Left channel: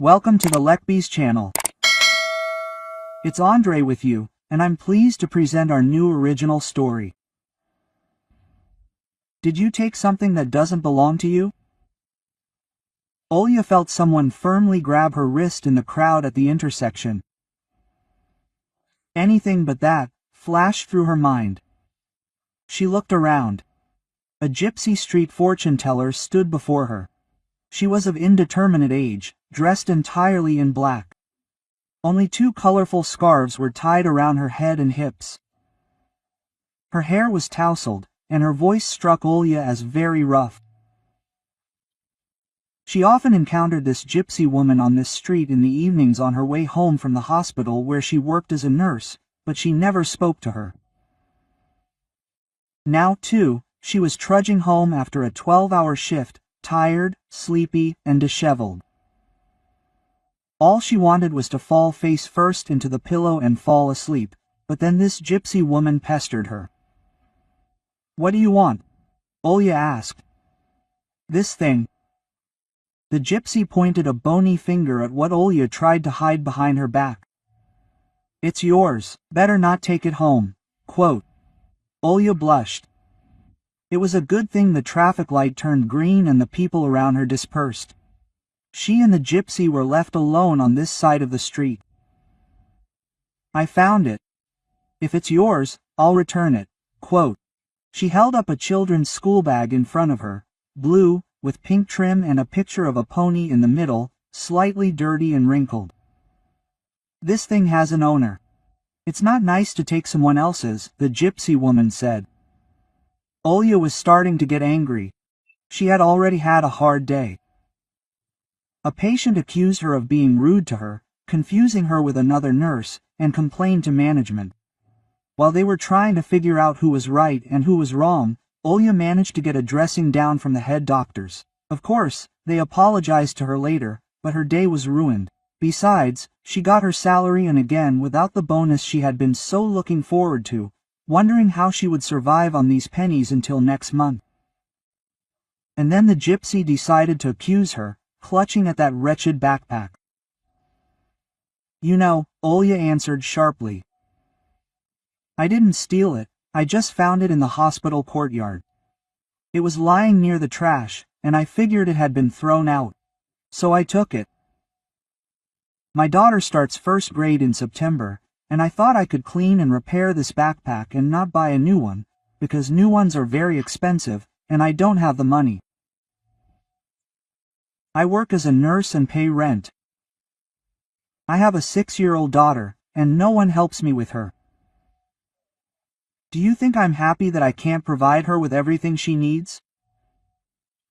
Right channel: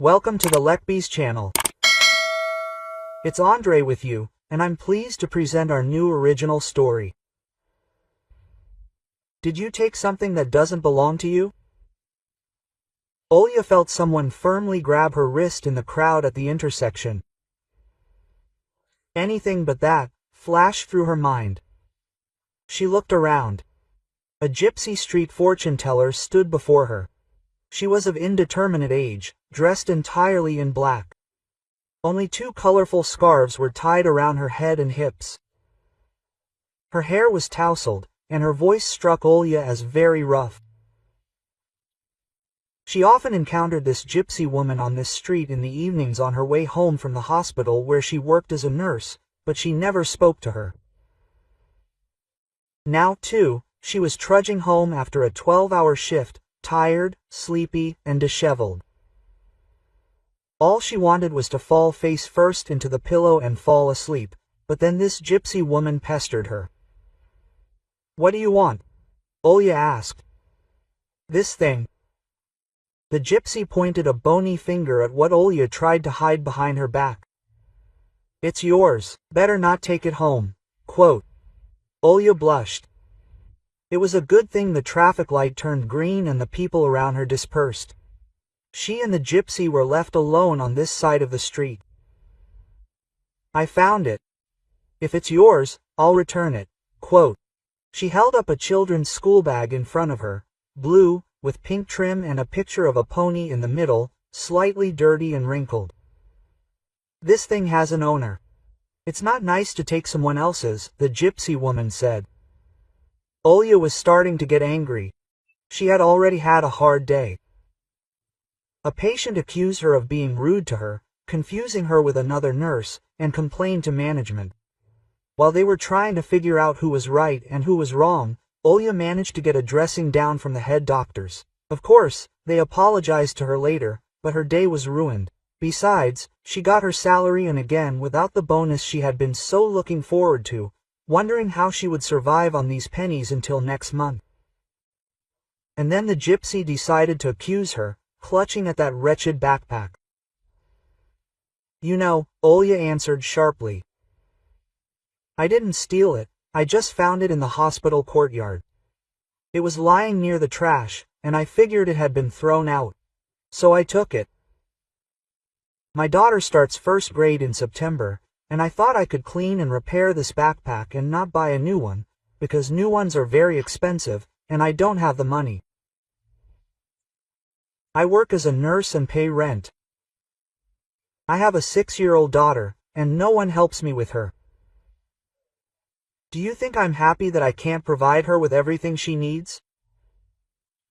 Welcome to the Lekbees channel. It's Andre with you, and I'm pleased to present our new original story. Did you take something that doesn't belong to you? Olya felt someone firmly grab her wrist in the crowd at the intersection. Anything but that flashed through her mind. She looked around. A gypsy street fortune teller stood before her. She was of indeterminate age, dressed entirely in black. Only two colorful scarves were tied around her head and hips. Her hair was tousled, and her voice struck Olya as very rough. She often encountered this gypsy woman on this street in the evenings on her way home from the hospital where she worked as a nurse, but she never spoke to her. Now, too, she was trudging home after a 12-hour shift, tired, sleepy, and disheveled. All she wanted was to fall face first into the pillow and fall asleep, but then this gypsy woman pestered her. "What do you want?" Olya asked. "This thing." The gypsy pointed a bony finger at what Olya tried to hide behind her back. "It's yours, better not take it home." Quote. Olya blushed. It was a good thing the traffic light turned green and the people around her dispersed. She and the gypsy were left alone on this side of the street. "I found it. If it's yours, I'll return it." Quote. She held up a children's school bag in front of her, blue, with pink trim and a picture of a pony in the middle, slightly dirty and wrinkled. "This thing has an owner. It's not nice to take someone else's," the gypsy woman said. Olya was starting to get angry. She had already had a hard day. A patient accused her of being rude to her, confusing her with another nurse, and complained to management. While they were trying to figure out who was right and who was wrong, Olya managed to get a dressing down from the head doctors. Of course, they apologized to her later, but her day was ruined. Besides, she got her salary and again without the bonus she had been so looking forward to, wondering how she would survive on these pennies until next month. And then the gypsy decided to accuse her, clutching at that wretched backpack. "You know," Olya answered sharply. "I didn't steal it, I just found it in the hospital courtyard. It was lying near the trash, and I figured it had been thrown out. So I took it. My daughter starts first grade in September, and I thought I could clean and repair this backpack and not buy a new one, because new ones are very expensive, and I don't have the money. I work as a nurse and pay rent. I have a 6-year-old daughter, and no one helps me with her. Do you think I'm happy that I can't provide her with everything she needs?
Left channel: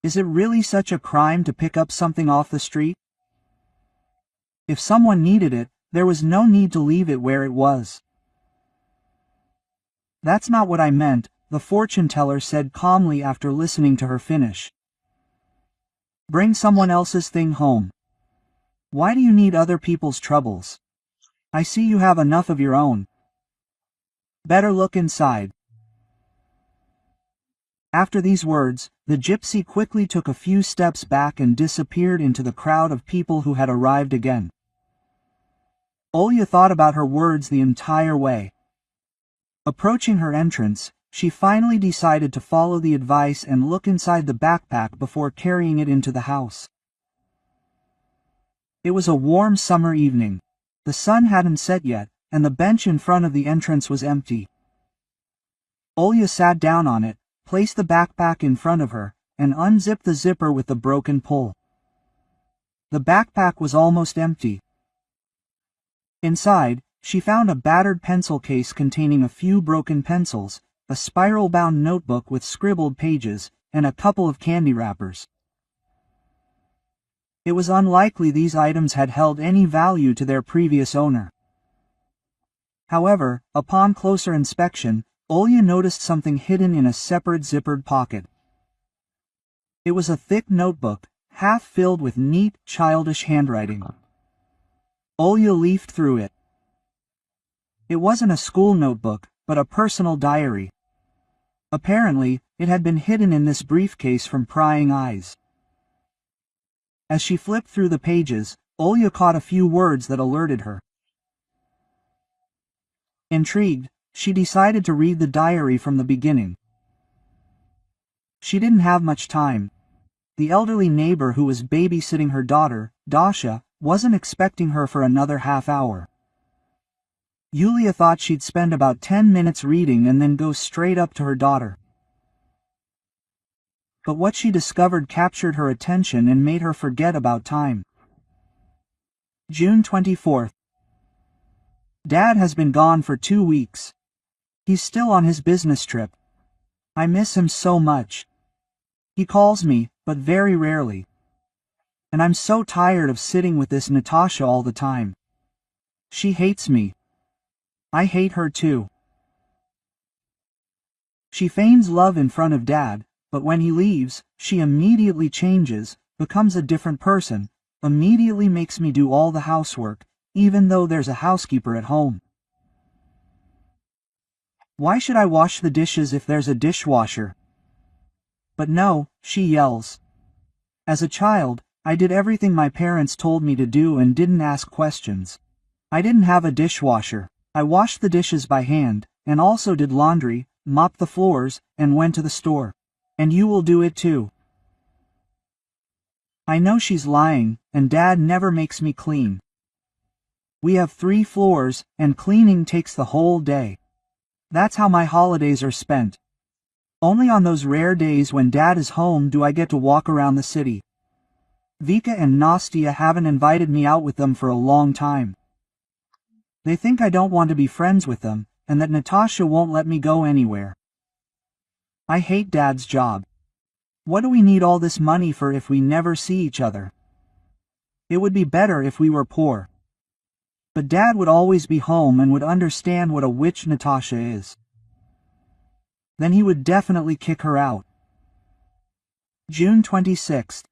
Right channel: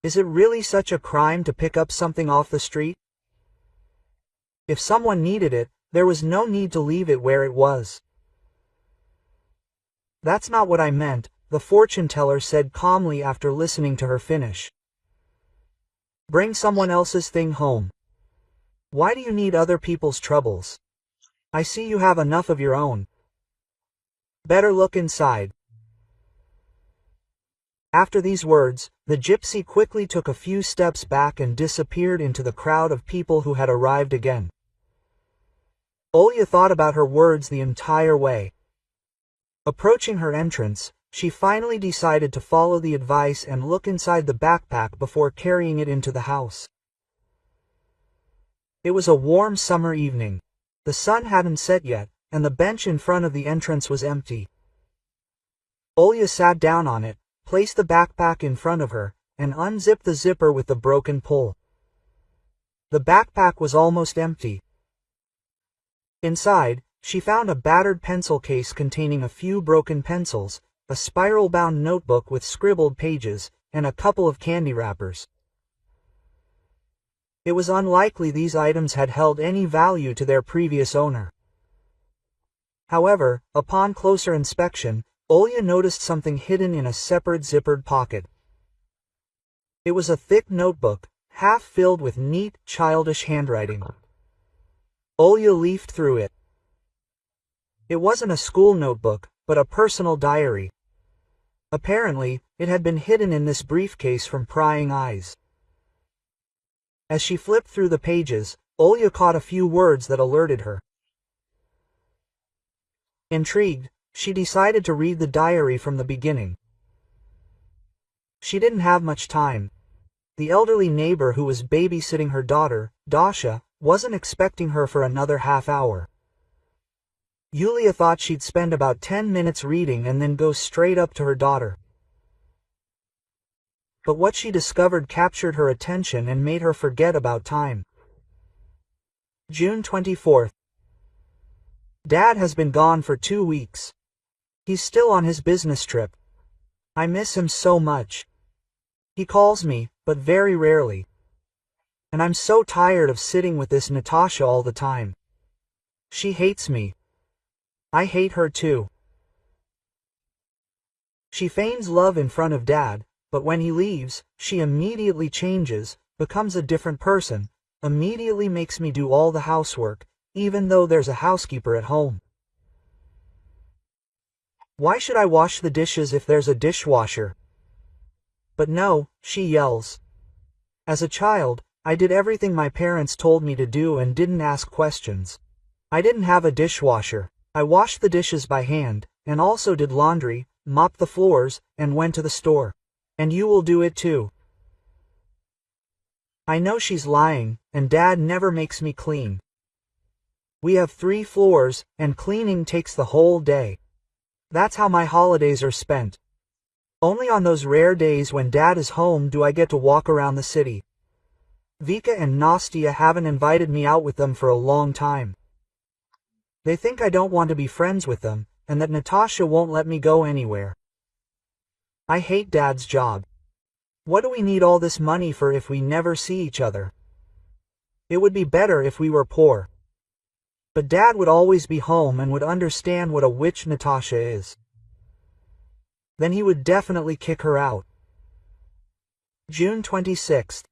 Is it really such a crime to pick up something off the street? If someone needed it, there was no need to leave it where it was." "That's not what I meant," the fortune teller said calmly after listening to her finish. "Bring someone else's thing home. Why do you need other people's troubles? I see you have enough of your own. Better look inside." After these words, the gypsy quickly took a few steps back and disappeared into the crowd of people who had arrived again. Olya thought about her words the entire way. Approaching her entrance, she finally decided to follow the advice and look inside the backpack before carrying it into the house. It was a warm summer evening. The sun hadn't set yet, and the bench in front of the entrance was empty. Olya sat down on it, placed the backpack in front of her, and unzipped the zipper with the broken pull. The backpack was almost empty. Inside, she found a battered pencil case containing a few broken pencils, a spiral-bound notebook with scribbled pages, and a couple of candy wrappers. It was unlikely these items had held any value to their previous owner. However, upon closer inspection, Olya noticed something hidden in a separate zippered pocket. It was a thick notebook, half filled with neat, childish handwriting. Olya leafed through it. It wasn't a school notebook, but a personal diary. Apparently, it had been hidden in this briefcase from prying eyes. As she flipped through the pages, Olya caught a few words that alerted her. Intrigued, she decided to read the diary from the beginning. She didn't have much time. The elderly neighbor who was babysitting her daughter, Dasha, wasn't expecting her for another half hour. Yulia thought she'd spend about 10 minutes reading and then go straight up to her daughter. But what she discovered captured her attention and made her forget about time. June 24th. Dad has been gone for 2 weeks. He's still on his business trip. I miss him so much. He calls me, but very rarely. And I'm so tired of sitting with this Natasha all the time. She hates me. I hate her too. She feigns love in front of Dad, but when he leaves, she immediately changes, becomes a different person, immediately makes me do all the housework, even though there's a housekeeper at home. Why should I wash the dishes if there's a dishwasher? But no, she yells. As a child, I did everything my parents told me to do and didn't ask questions. I didn't have a dishwasher. I washed the dishes by hand, and also did laundry, mopped the floors, and went to the store. And you will do it too. I know she's lying, and Dad never makes me clean. We have 3 floors, and cleaning takes the whole day. That's how my holidays are spent. Only on those rare days when Dad is home do I get to walk around the city. Vika and Nastya haven't invited me out with them for a long time. They think I don't want to be friends with them, and that Natasha won't let me go anywhere. I hate Dad's job. What do we need all this money for if we never see each other? It would be better if we were poor. But Dad would always be home and would understand what a witch Natasha is. Then he would definitely kick her out. June 26th.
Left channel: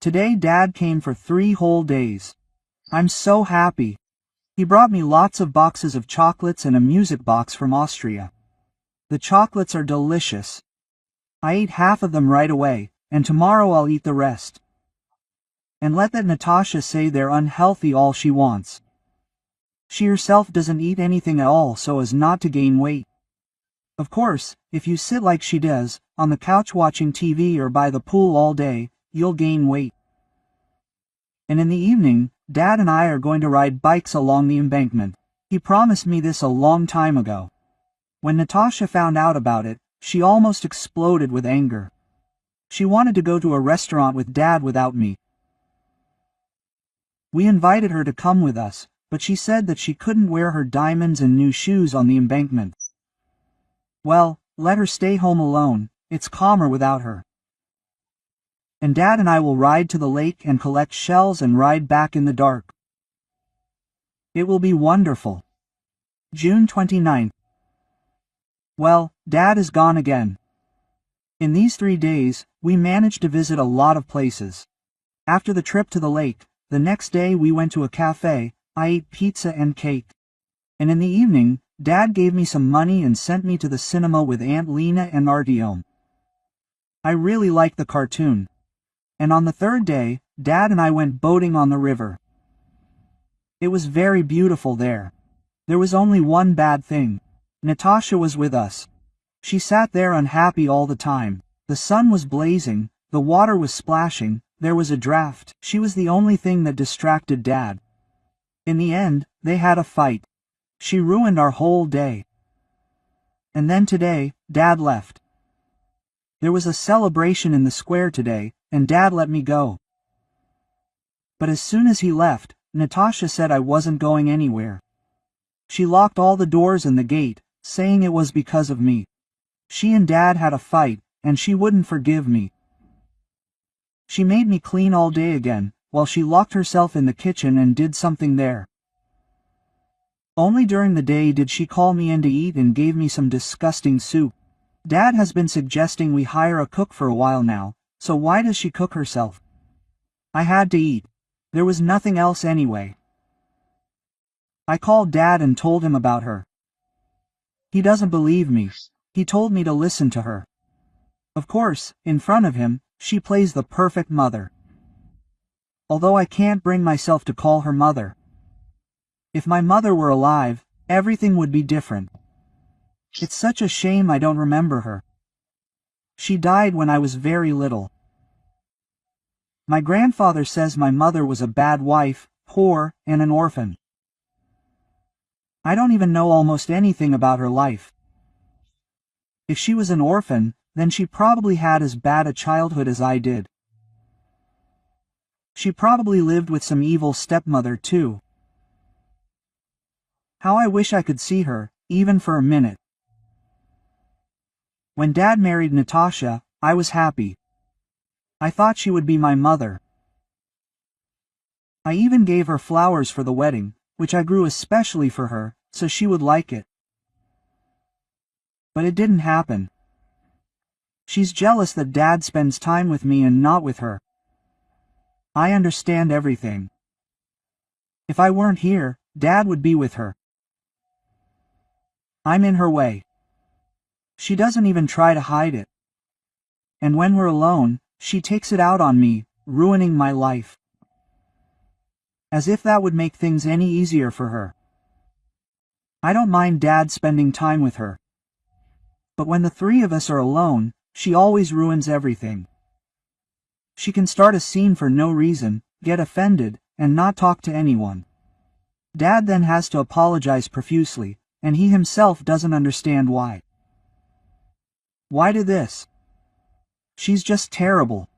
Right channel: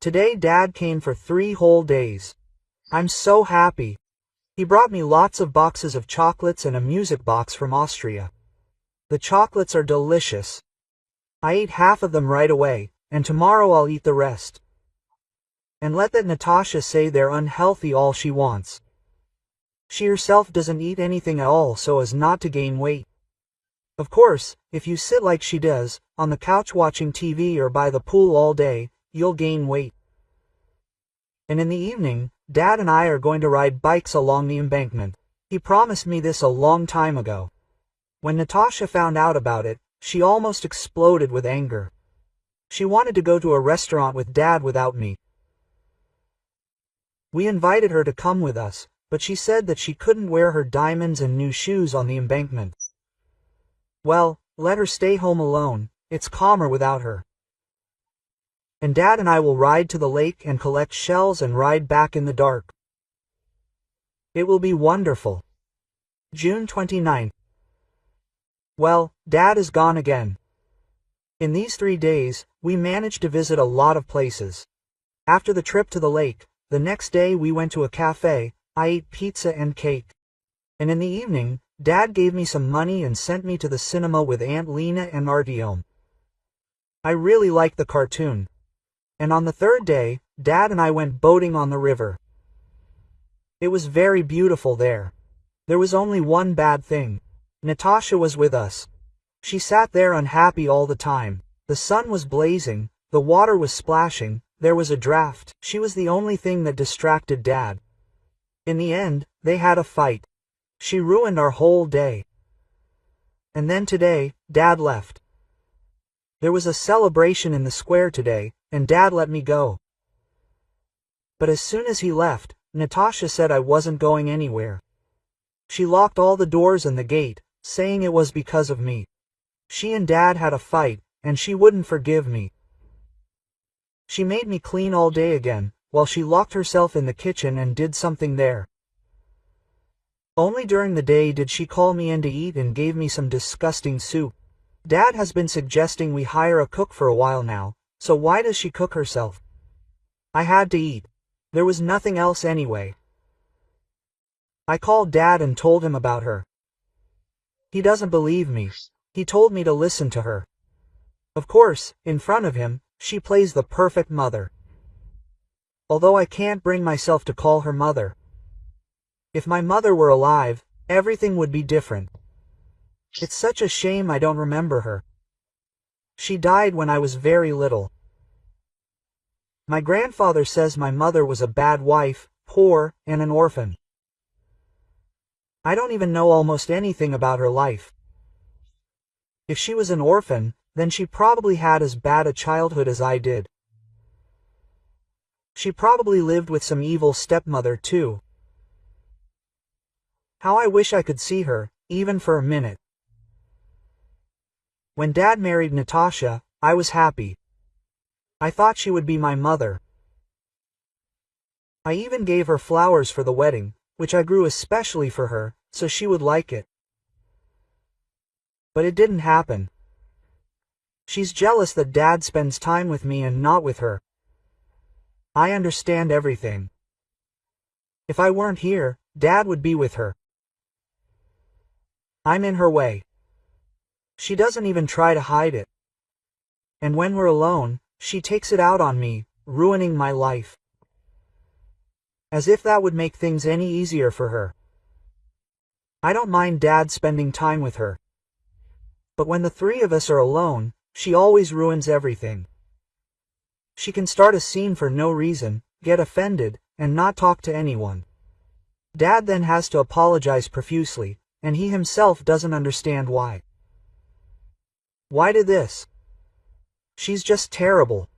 Today Dad came for 3 whole days. I'm so happy. He brought me lots of boxes of chocolates and a music box from Austria. The chocolates are delicious. I ate half of them right away, and tomorrow I'll eat the rest. And let that Natasha say they're unhealthy all she wants. She herself doesn't eat anything at all so as not to gain weight. Of course, if you sit like she does, on the couch watching TV or by the pool all day, you'll gain weight. And in the evening, Dad and I are going to ride bikes along the embankment. He promised me this a long time ago. When Natasha found out about it, she almost exploded with anger. She wanted to go to a restaurant with Dad without me. We invited her to come with us, but she said that she couldn't wear her diamonds and new shoes on the embankment. Well, let her stay home alone, it's calmer without her. And Dad and I will ride to the lake and collect shells and ride back in the dark. It will be wonderful. June 29th. Well, Dad is gone again. In these 3 days, we managed to visit a lot of places. After the trip to the lake, the next day we went to a cafe, I ate pizza and cake. And in the evening, Dad gave me some money and sent me to the cinema with Aunt Lena and Artyom. I really liked the cartoon. And on the 3rd day, Dad and I went boating on the river. It was very beautiful there. There was only one bad thing. Natasha was with us. She sat there unhappy all the time. The sun was blazing, the water was splashing, there was a draft. She was the only thing that distracted Dad. In the end, they had a fight. She ruined our whole day. And then today, Dad left. There was a celebration in the square today, and Dad let me go. But as soon as he left, Natasha said I wasn't going anywhere. She locked all the doors and the gate, saying it was because of me. She and Dad had a fight, and she wouldn't forgive me. She made me clean all day again, while she locked herself in the kitchen and did something there. Only during the day did she call me in to eat and gave me some disgusting soup. Dad has been suggesting we hire a cook for a while now, so why does she cook herself? I had to eat. There was nothing else anyway. I called Dad and told him about her. He doesn't believe me. He told me to listen to her. Of course, in front of him, she plays the perfect mother. although I can't bring myself to call her mother. If my mother were alive, everything would be different. It's such a shame I don't remember her. She died when I was very little. My grandfather says my mother was a bad wife, poor, and an orphan. I don't even know almost anything about her life. If she was an orphan, then she probably had as bad a childhood as I did. She probably lived with some evil stepmother too. How I wish I could see her, even for a minute. When Dad married Natasha, I was happy. I thought she would be my mother. I even gave her flowers for the wedding, which I grew especially for her, so she would like it. But it didn't happen. She's jealous that Dad spends time with me and not with her. I understand everything. If I weren't here, Dad would be with her. I'm in her way. She doesn't even try to hide it. And when we're alone, she takes it out on me, ruining my life. As if that would make things any easier for her. I don't mind Dad spending time with her. But when the three of us are alone, she always ruins everything. She can start a scene for no reason, get offended, and not talk to anyone. Dad then has to apologize profusely, and he himself doesn't understand why. Why did this? She's just terrible.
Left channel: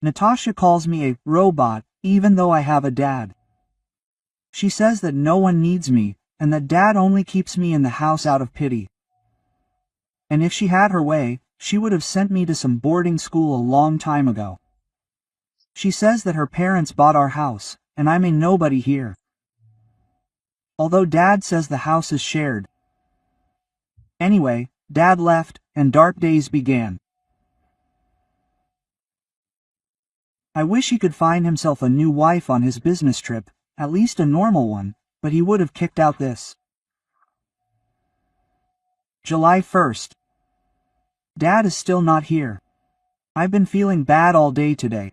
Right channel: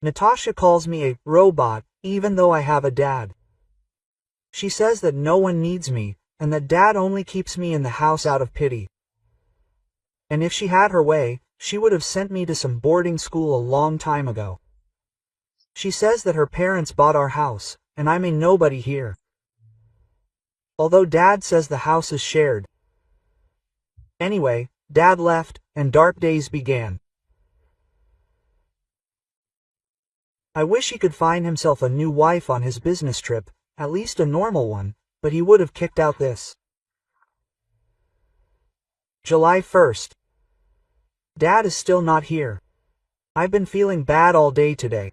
Natasha calls me a robot, even though I have a dad. She says that no one needs me, and that Dad only keeps me in the house out of pity. And if she had her way, she would have sent me to some boarding school a long time ago. She says that her parents bought our house, and I'm a nobody here. Although Dad says the house is shared. Anyway, Dad left, and dark days began. I wish he could find himself a new wife on his business trip, at least a normal one, but he would have kicked out this. July 1st. Dad is still not here. I've been feeling bad all day today.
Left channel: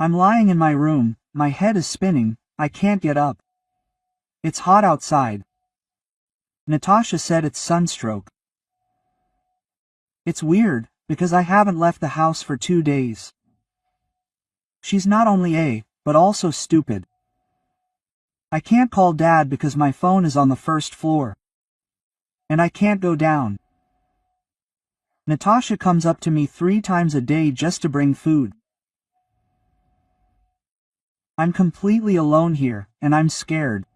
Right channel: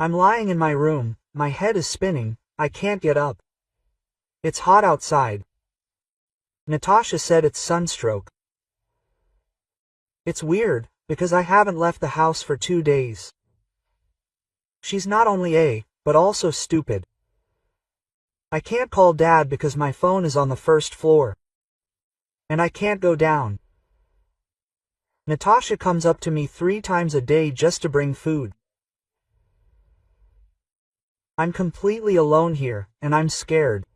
I'm lying in my room, my head is spinning, I can't get up. It's hot outside. Natasha said it's sunstroke. It's weird, because I haven't left the house for 2 days. She's not only but also stupid. I can't call Dad because my phone is on the first floor. And I can't go down. Natasha comes up to me 3 times a day just to bring food. I'm completely alone here, and I'm scared.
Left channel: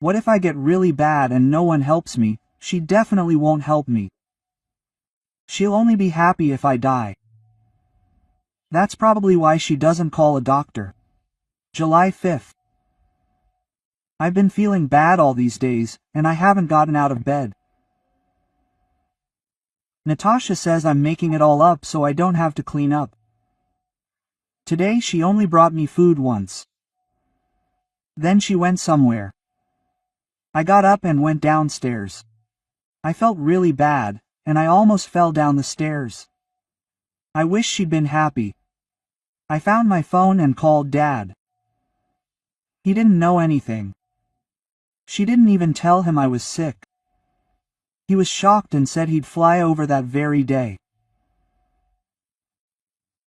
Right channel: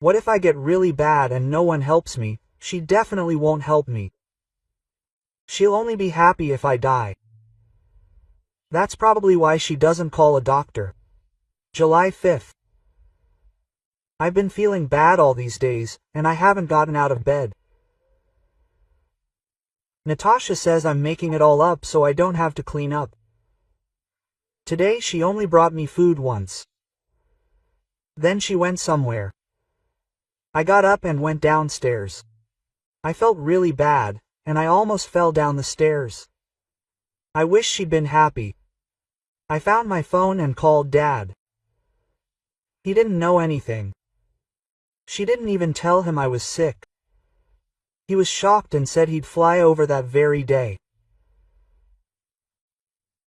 What if I get really bad and no one helps me? She definitely won't help me. She'll only be happy if I die. That's probably why she doesn't call a doctor. July 5th. I've been feeling bad all these days, and I haven't gotten out of bed. Natasha says I'm making it all up so I don't have to clean up. Today she only brought me food once. Then she went somewhere. I got up and went downstairs. I felt really bad, and I almost fell down the stairs. I wish she'd been happy. I found my phone and called Dad. He didn't know anything. She didn't even tell him I was sick. He was shocked and said he'd fly over that very day.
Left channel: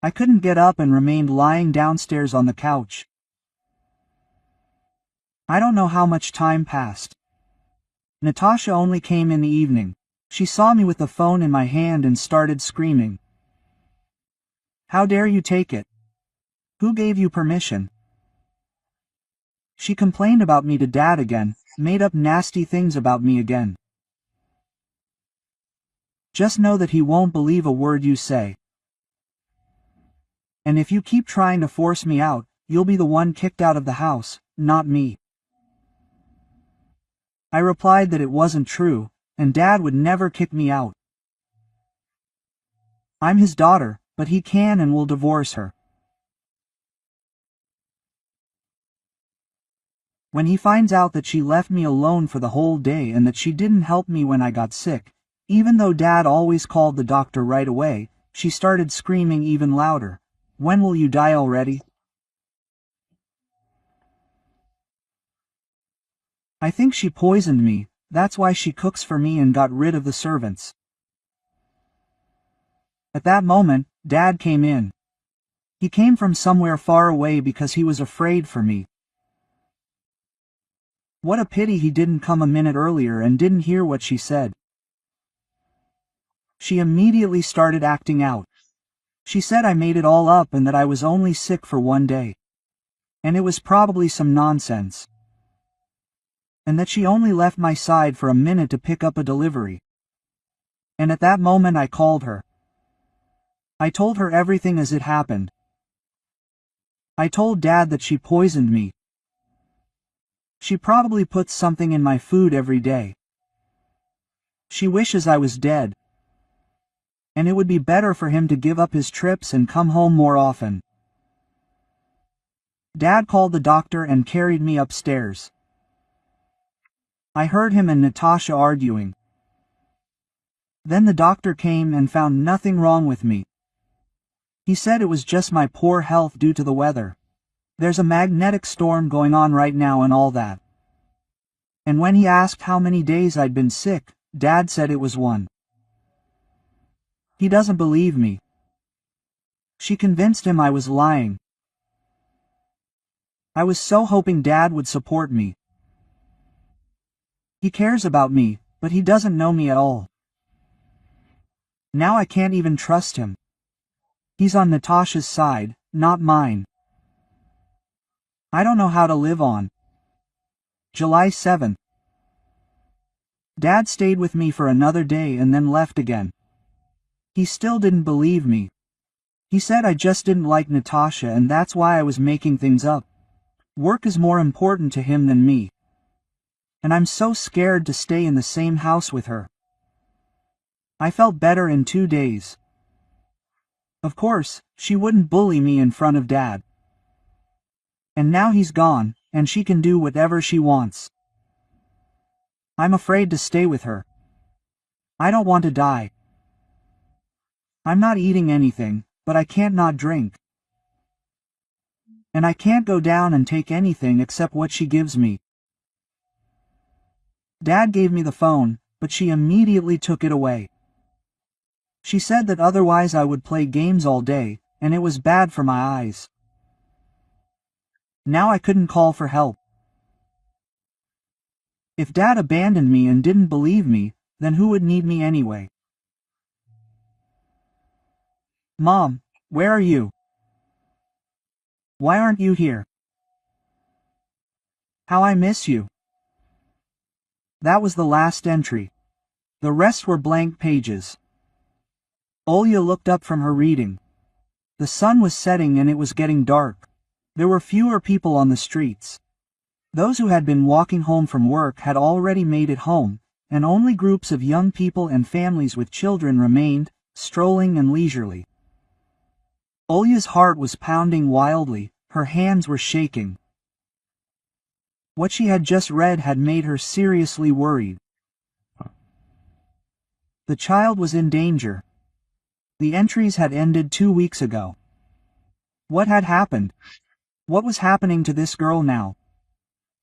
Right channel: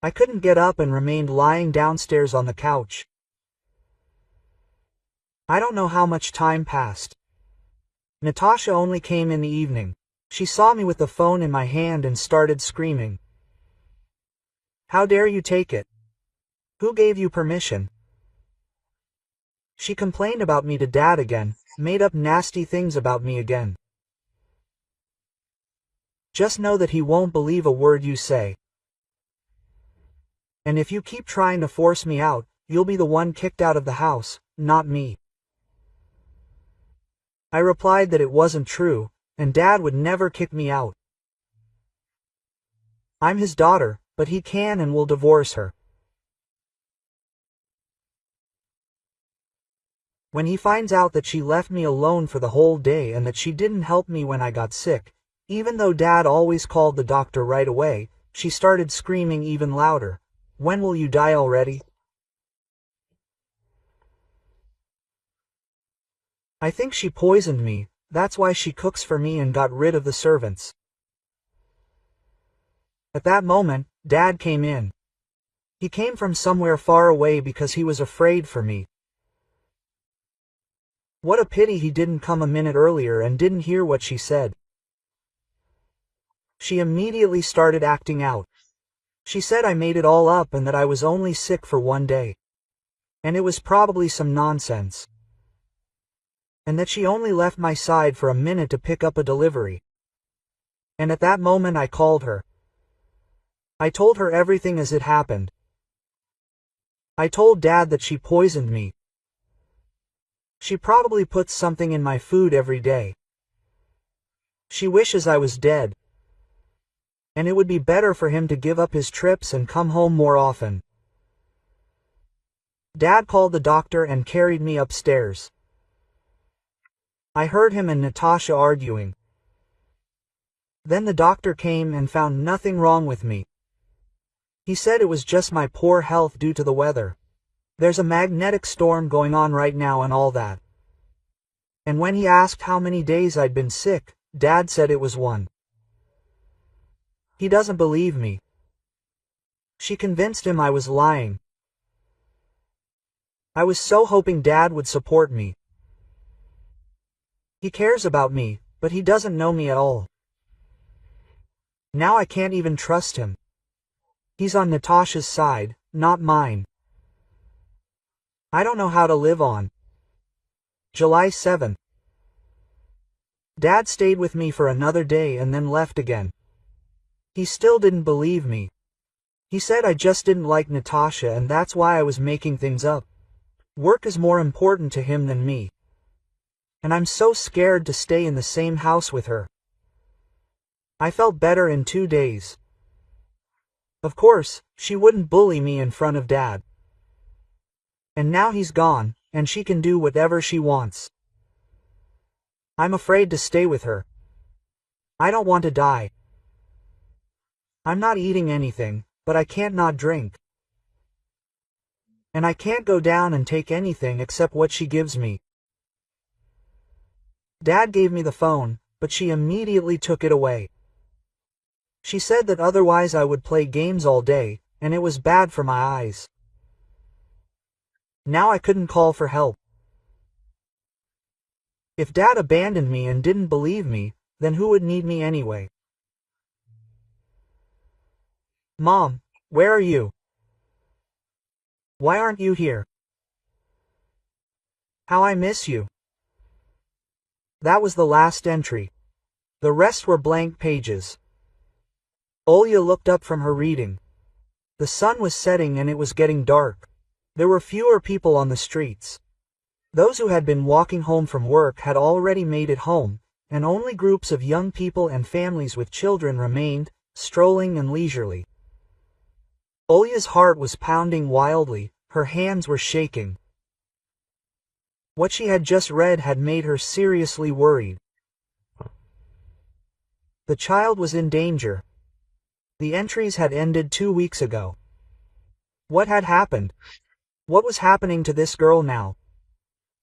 I couldn't get up and remained lying downstairs on the couch. I don't know how much time passed. Natasha only came in the evening. She saw me with the phone in my hand and started screaming. How dare you take it? Who gave you permission? She complained about me to Dad again, made up nasty things about me again. Just know that he won't believe a word you say. And if you keep trying to force me out, you'll be the one kicked out of the house, not me. I replied that it wasn't true, and Dad would never kick me out. I'm his daughter, but he can and will divorce her. When he finds out that she left me alone for the whole day and that she didn't help me when I got sick, even though Dad always called the doctor right away, she started screaming even louder. When will you die already? I think she poisoned me, that's why she cooks for me and got rid of the servants. At that moment, Dad came in. He came from somewhere far away because he was afraid for me. What a pity he didn't come a minute earlier and didn't hear what she said. She immediately started acting out. She said I made it all up and that I was only sick for one day. And it was probably some nonsense. And that she only left my side for a minute to pick up a delivery. And at that moment I called her. I told her everything as it happened. I told Dad that she poisoned me. She probably puts something in my food every day. She wishes I was dead. And it would be better for him to give up his trips and come home more often. Dad called the doctor and carried me upstairs. I heard him and Natasha arguing. Then the doctor came and found nothing wrong with me. He said it was just my poor health due to the weather. There's a magnetic storm going on right now and all that. And when he asked how many days I'd been sick, Dad said it was 1. He doesn't believe me. She convinced him I was lying. I was so hoping Dad would support me. He cares about me, but he doesn't know me at all. Now I can't even trust him. He's on Natasha's side, not mine. I don't know how to live on. July 7th. Dad stayed with me for another day and then left again. He still didn't believe me. He said I just didn't like Natasha and that's why I was making things up. Work is more important to him than me. And I'm so scared to stay in the same house with her. I felt better in 2 days. Of course, she wouldn't bully me in front of Dad. And now he's gone, and she can do whatever she wants. I'm afraid to stay with her. I don't want to die. I'm not eating anything, but I can't not drink. And I can't go down and take anything except what she gives me. Dad gave me the phone, but she immediately took it away. She said that otherwise I would play games all day, and it was bad for my eyes. Now I couldn't call for help. If Dad abandoned me and didn't believe me, then who would need me anyway? Mom, where are you? Why aren't you here? How I miss you. That was the last entry. The rest were blank pages. Olya looked up from her reading. The sun was setting and it was getting dark. There were fewer people on the streets. Those who had been walking home from work had already made it home, and only groups of young people and families with children remained, strolling and leisurely. Olya's heart was pounding wildly, her hands were shaking. What she had just read had made her seriously worried. The child was in danger. The entries had ended 2 weeks ago. What had happened? What was happening to this girl now?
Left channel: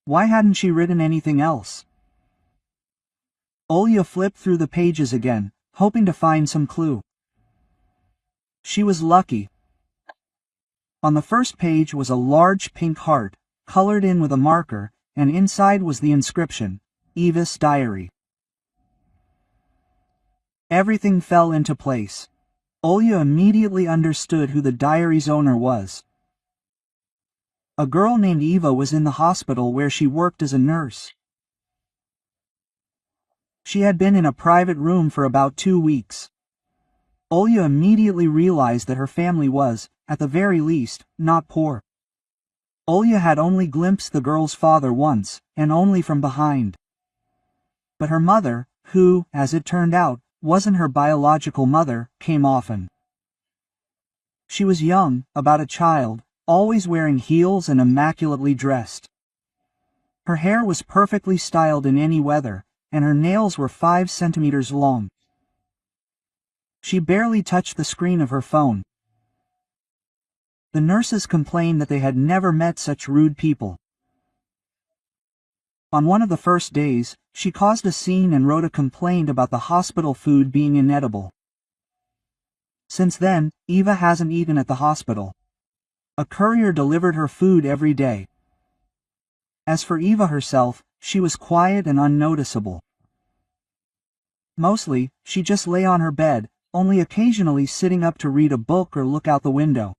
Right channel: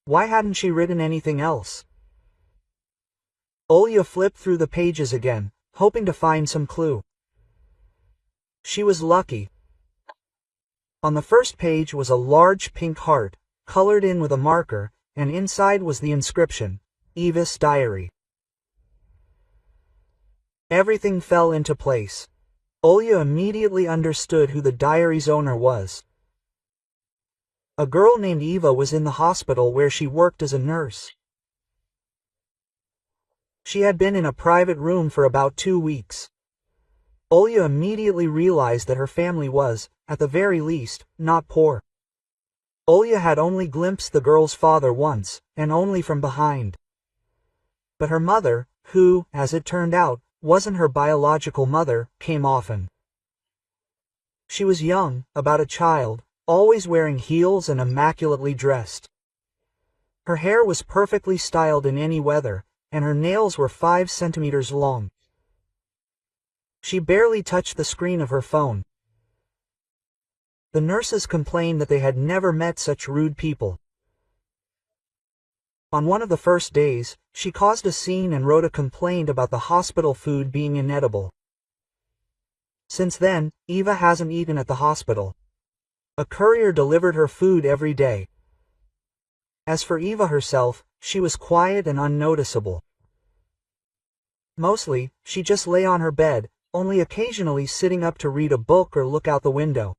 Why hadn't she written anything else? Olya flipped through the pages again, hoping to find some clue. She was lucky. On the first page was a large pink heart, colored in with a marker, and inside was the inscription, Eva's diary. Everything fell into place. Olya immediately understood who the diary's owner was. A girl named Eva was in the hospital where she worked as a nurse. She had been in a private room for about 2 weeks. Olya immediately realized that her family was, at the very least, not poor. Olya had only glimpsed the girl's father once, and only from behind. But her mother, who, as it turned out, wasn't her biological mother, came often. She was young, about a child, always wearing heels and immaculately dressed. Her hair was perfectly styled in any weather, and her nails were 5 centimeters long. She barely touched the screen of her phone. The nurses complained that they had never met such rude people. On one of the first days, she caused a scene and wrote a complaint about the hospital food being inedible. Since then, Eva hasn't eaten at the hospital. A courier delivered her food every day. As for Eva herself, she was quiet and unnoticeable. Mostly, she just lay on her bed, only occasionally sitting up to read a book or look out the window.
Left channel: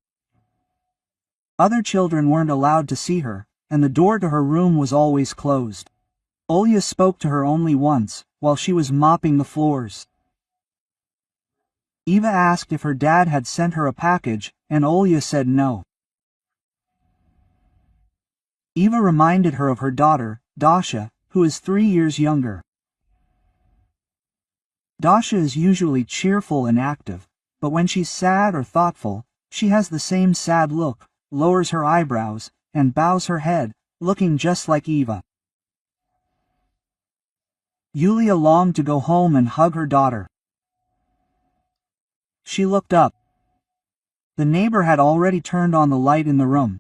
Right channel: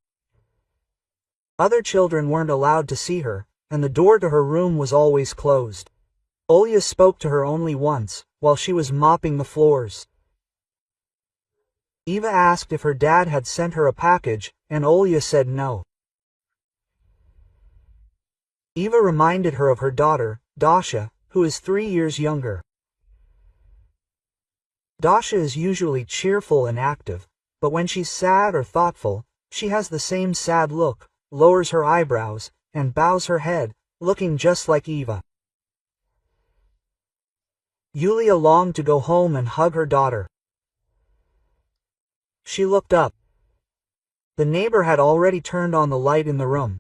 Other children weren't allowed to see her, and the door to her room was always closed. Olya spoke to her only once, while she was mopping the floors. Eva asked if her dad had sent her a package, and Olya said no. Eva reminded her of her daughter, Dasha, who is 3 years younger. Dasha is usually cheerful and active, but when she's sad or thoughtful, she has the same sad look, lowers her eyebrows, and bows her head, looking just like Eva. Yulia longed to go home and hug her daughter. She looked up. The neighbor had already turned on the light in the room.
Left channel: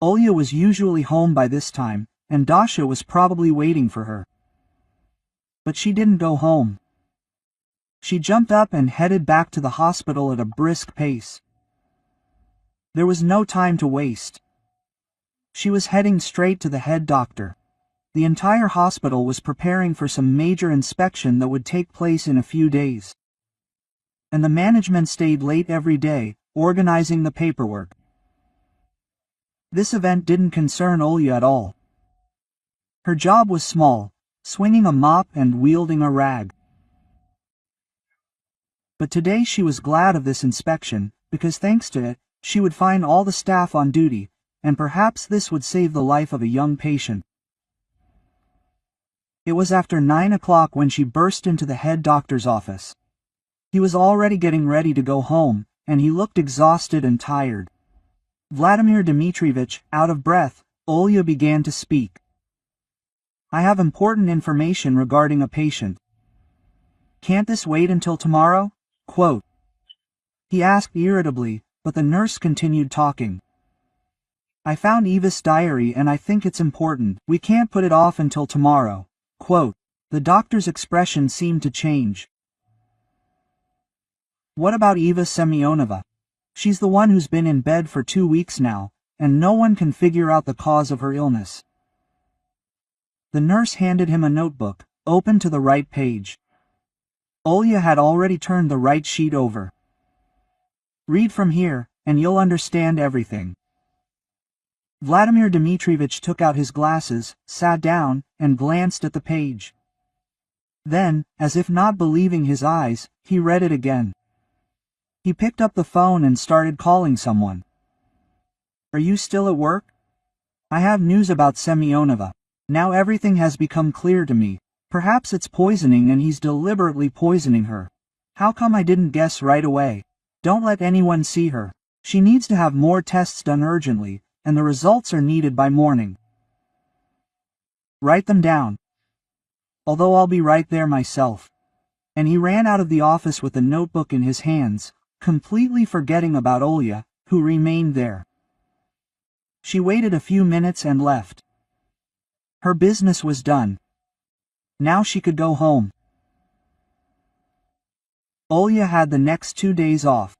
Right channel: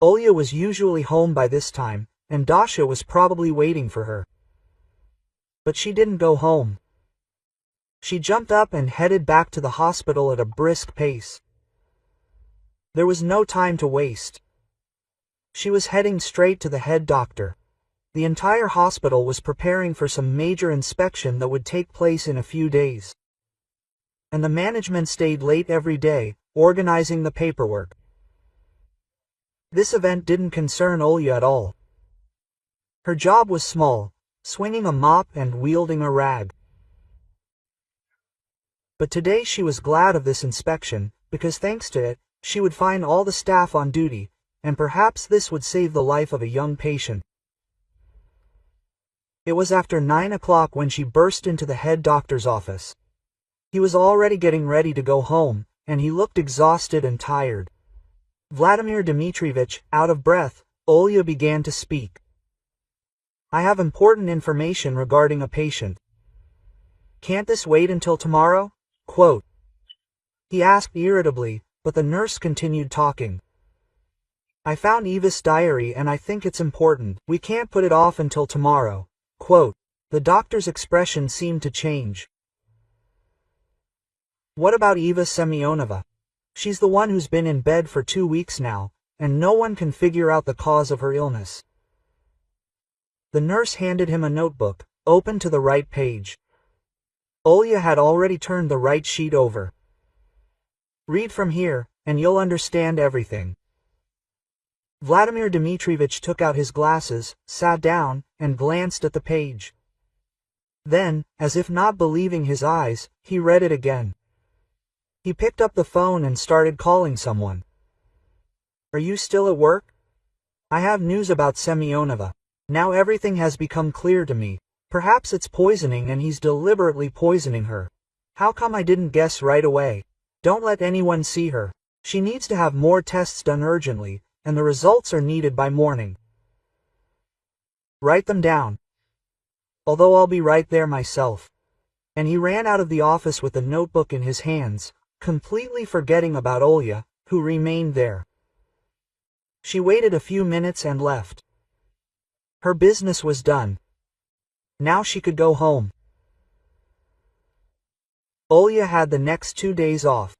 Olya was usually home by this time, and Dasha was probably waiting for her. But she didn't go home. She jumped up and headed back to the hospital at a brisk pace. There was no time to waste. She was heading straight to the head doctor. The entire hospital was preparing for some major inspection that would take place in a few days. And the management stayed late every day, organizing the paperwork. This event didn't concern Olya at all. Her job was small, swinging a mop and wielding a rag. But today she was glad of this inspection, because thanks to it, she would find all the staff on duty, and perhaps this would save the life of a young patient. It was after 9 o'clock when she burst into the head doctor's office. He was already getting ready to go home, and he looked exhausted and tired. Vladimir Dmitrievich, out of breath, Olya began to speak. "I have important information regarding a patient. Can't this wait until tomorrow?" Quote. He asked irritably, but the nurse continued talking. "I found Eva's diary and I think it's important. We can't put it off until tomorrow." Quote. The doctor's expression seemed to change. "What about Eva Semyonovna? She's the one who's been in bed for 2 weeks now, and no one can figure out the cause of her illness." The nurse handed him a notebook, open to the right page. Olya had already turned the right sheet over. "Read from here, and you'll understand everything." Vladimir Dmitrievich took out his glasses, sat down, and glanced at the page. Then, as if not believing his eyes, he read it again. He picked up the phone and started calling someone. "Are you still at work? I have news about Semyonovna. Now everything has become clear to me. Perhaps it's poisoning and he's deliberately poisoning her. How come I didn't guess right away? Don't let anyone see her. She needs to have more tests done urgently, and the results are needed by morning. Write them down. Although I'll be right there myself." And he ran out of the office with the notebook in his hands, completely forgetting about Olya, who remained there. She waited a few minutes and left. Her business was done. Now she could go home. Olya had the next 2 days off.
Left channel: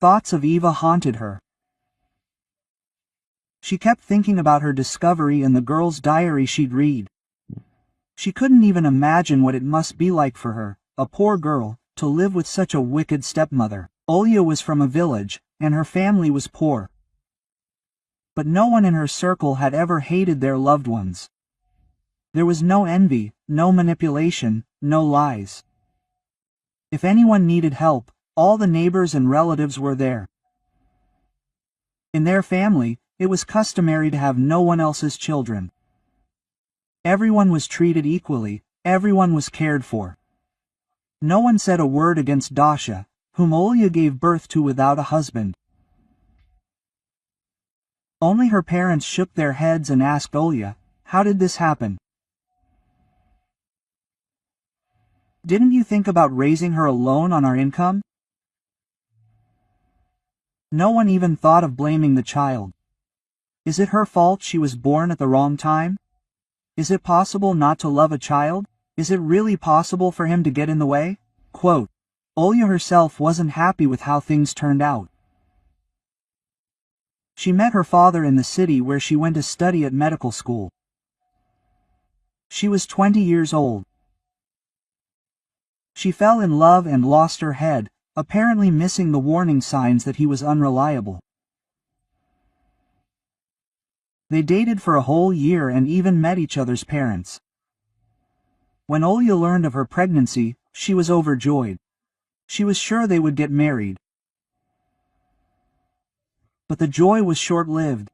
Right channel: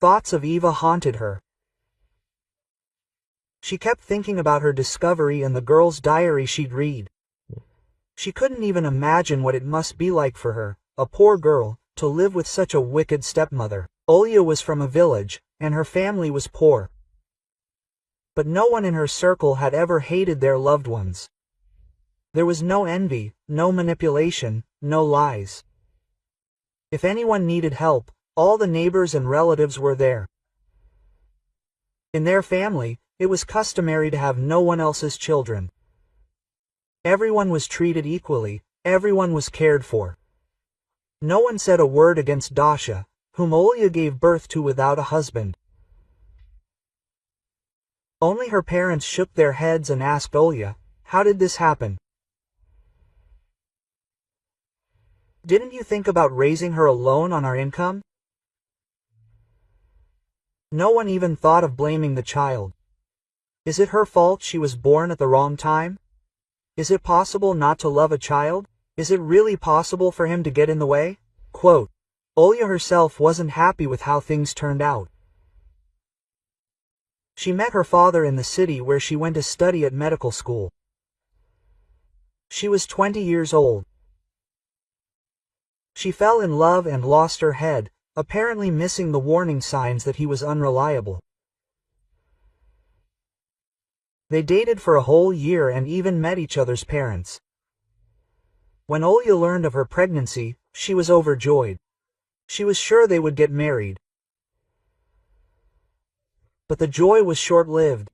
Thoughts of Eva haunted her. She kept thinking about her discovery and the girl's diary she'd read. She couldn't even imagine what it must be like for her, a poor girl, to live with such a wicked stepmother. Olya was from a village, and her family was poor. But no one in her circle had ever hated their loved ones. There was no envy, no manipulation, no lies. If anyone needed help, all the neighbors and relatives were there. In their family, it was customary to have no one else's children. Everyone was treated equally, everyone was cared for. No one said a word against Dasha, whom Olya gave birth to without a husband. Only her parents shook their heads and asked Olya, "How did this happen? Didn't you think about raising her alone on our income?" No one even thought of blaming the child. Is it her fault she was born at the wrong time? Is it possible not to love a child? Is it really possible for him to get in the way? Quote, Olya herself wasn't happy with how things turned out. She met her father in the city where she went to study at medical school. She was 20 years old. She fell in love and lost her head, apparently missing the warning signs that he was unreliable. They dated for a whole year and even met each other's parents. When Olya learned of her pregnancy, she was overjoyed. She was sure they would get married. But the joy was short-lived.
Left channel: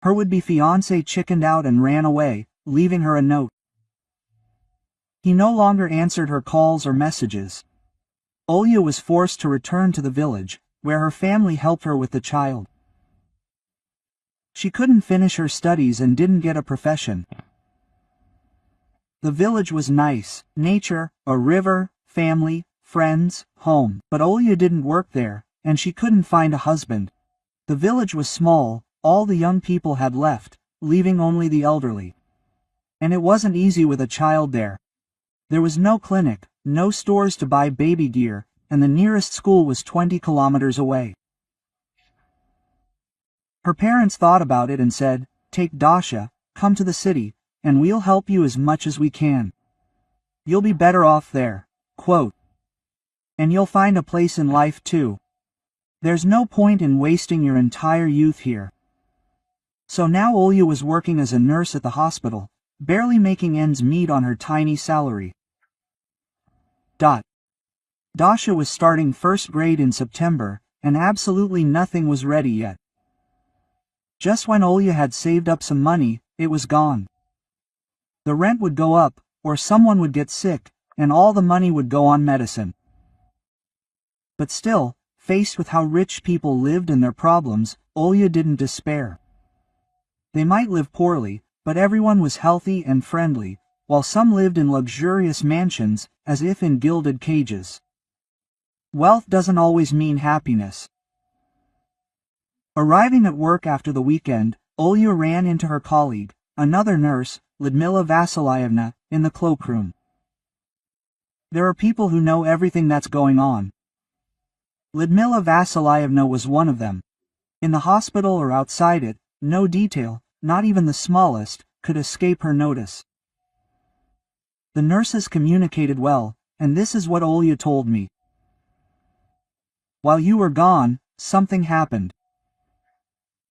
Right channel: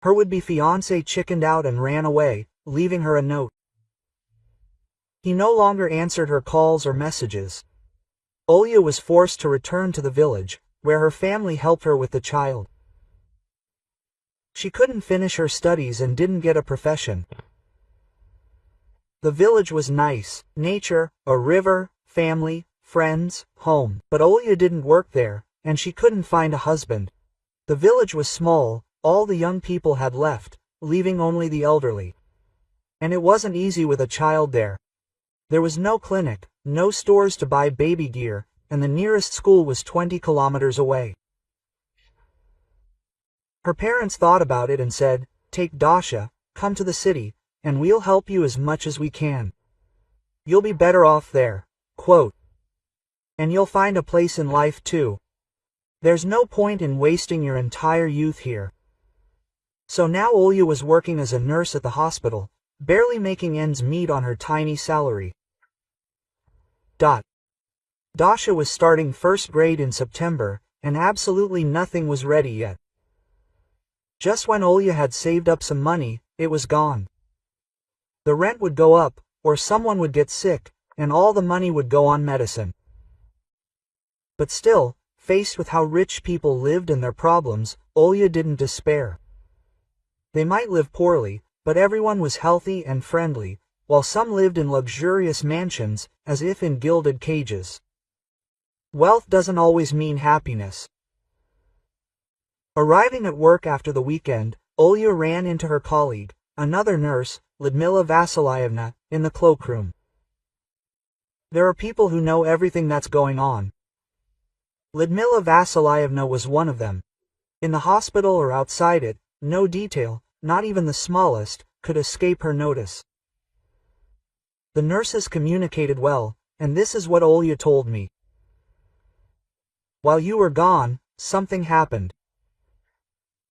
Her would-be fiancé chickened out and ran away, leaving her a note. He no longer answered her calls or messages. Olya was forced to return to the village, where her family helped her with the child. She couldn't finish her studies and didn't get a profession. The village was nice, nature, a river, family, friends, home, but Olya didn't work there, and she couldn't find a husband. The village was small, all the young people had left, leaving only the elderly. And it wasn't easy with a child there. There was no clinic, no stores to buy baby gear, and the nearest school was 20 kilometers away. Her parents thought about it and said, "Take Dasha, come to the city, and we'll help you as much as we can. You'll be better off there." Quote, "And you'll find a place in life too. There's no point in wasting your entire youth here." So now Olya was working as a nurse at the hospital, barely making ends meet on her tiny salary. Dasha was starting first grade in September, and absolutely nothing was ready yet. Just when Olya had saved up some money, it was gone. The rent would go up, or someone would get sick, and all the money would go on medicine. But still, faced with how rich people lived and their problems, Olya didn't despair. They might live poorly, but everyone was healthy and friendly, while some lived in luxurious mansions, as if in gilded cages. Wealth doesn't always mean happiness. Arriving at work after the weekend, Olya ran into her colleague, another nurse, Lyudmila Vasilyevna, in the cloakroom. There are people who know everything that's going on. Lyudmila Vasilyevna was one of them. In the hospital or outside it, no detail, not even the smallest, could escape her notice. The nurses communicated well, and this is what Olya told me. "While you were gone, something happened.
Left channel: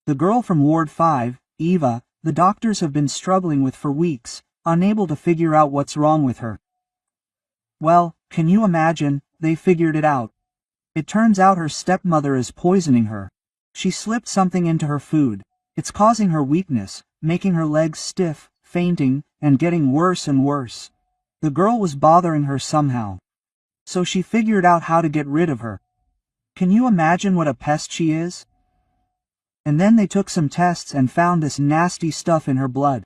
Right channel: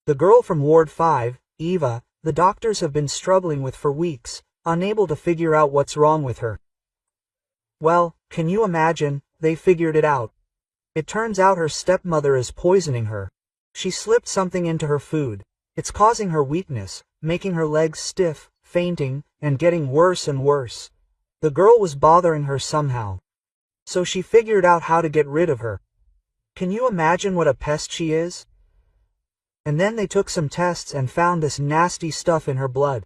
The girl from Ward 5, Eva, the doctors have been struggling with for weeks, unable to figure out what's wrong with her. Well, can you imagine, they figured it out. It turns out her stepmother is poisoning her. She slipped something into her food. It's causing her weakness, making her legs stiff, fainting, and getting worse and worse. The girl was bothering her somehow. So she figured out how to get rid of her. Can you imagine what a pest she is? And then they took some tests and found this nasty stuff in her blood.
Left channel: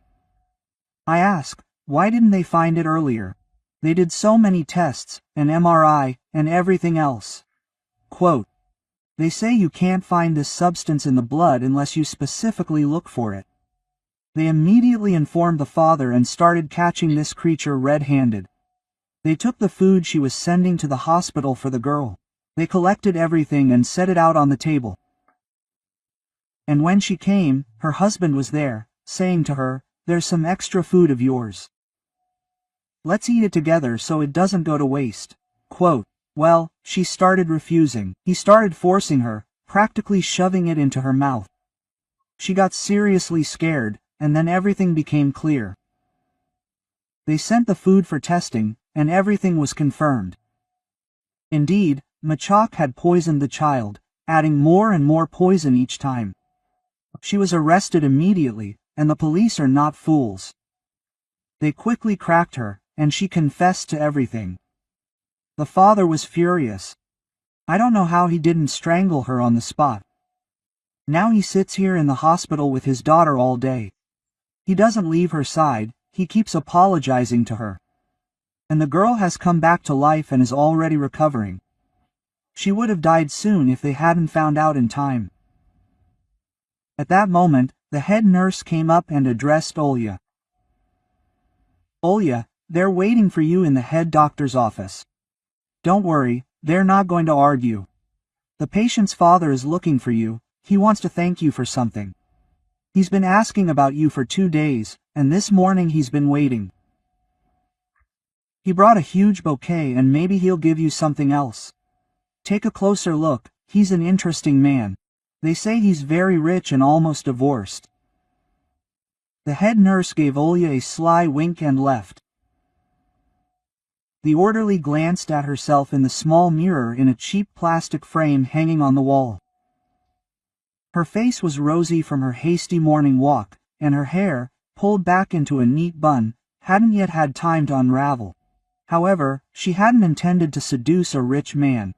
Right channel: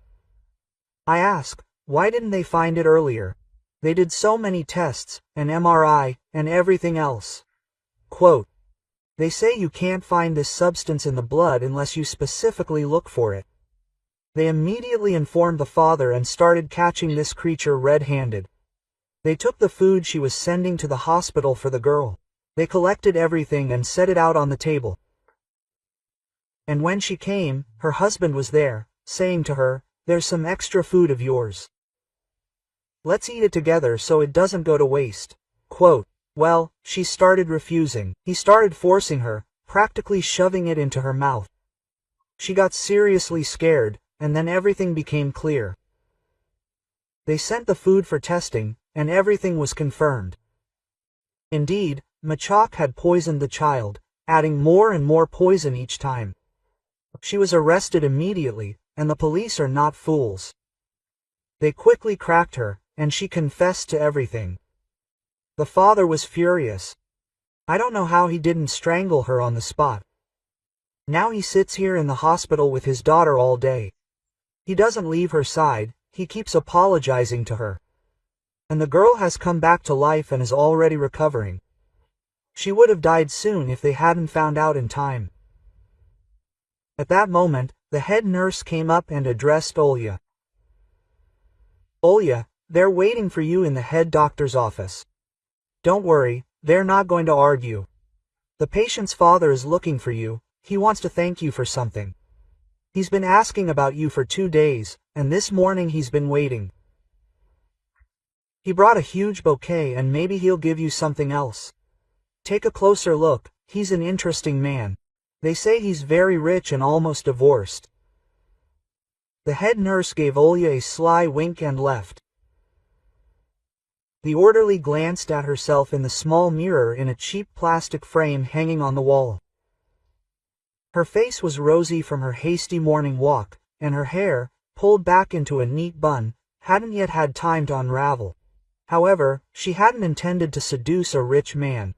I ask, why didn't they find it earlier? They did so many tests, an MRI, and everything else." Quote, "They say you can't find this substance in the blood unless you specifically look for it." They immediately informed the father and started catching this creature red-handed. They took the food she was sending to the hospital for the girl. They collected everything and set it out on the table. And when she came, her husband was there, saying to her, "There's some extra food of yours. Let's eat it together so it doesn't go to waste." Quote, "Well, she started refusing. He started forcing her, practically shoving it into her mouth. She got seriously scared, and then everything became clear. They sent the food for testing, and everything was confirmed. Indeed, Machak had poisoned the child, adding more and more poison each time. She was arrested immediately, and the police are not fools. They quickly cracked her, and she confessed to everything. The father was furious. I don't know how he didn't strangle her on the spot. Now he sits here in the hospital with his daughter all day. He doesn't leave her side, he keeps apologizing to her. And the girl has come back to life and is already recovering. She would have died soon if they hadn't found out in time. At that moment, the head nurse came up and addressed Olya. Olya, they're waiting for you in the head doctor's office. Don't worry, they're not going to argue. The patient's father is looking for you, he wants to thank you for something. He's been asking about you for 2 days, and this morning he's been waiting. He brought a huge bouquet and maybe he'll give you something else. Take a closer look, he's an interesting man. They say he's very rich and almost divorced. The head nurse gave Olya a sly wink and left. The orderly glanced at herself in the small mirror in a cheap plastic frame hanging on the wall. Her face was rosy from her hasty morning walk, and her hair, pulled back into a neat bun, hadn't yet had time to unravel. However, she hadn't intended to seduce a rich man.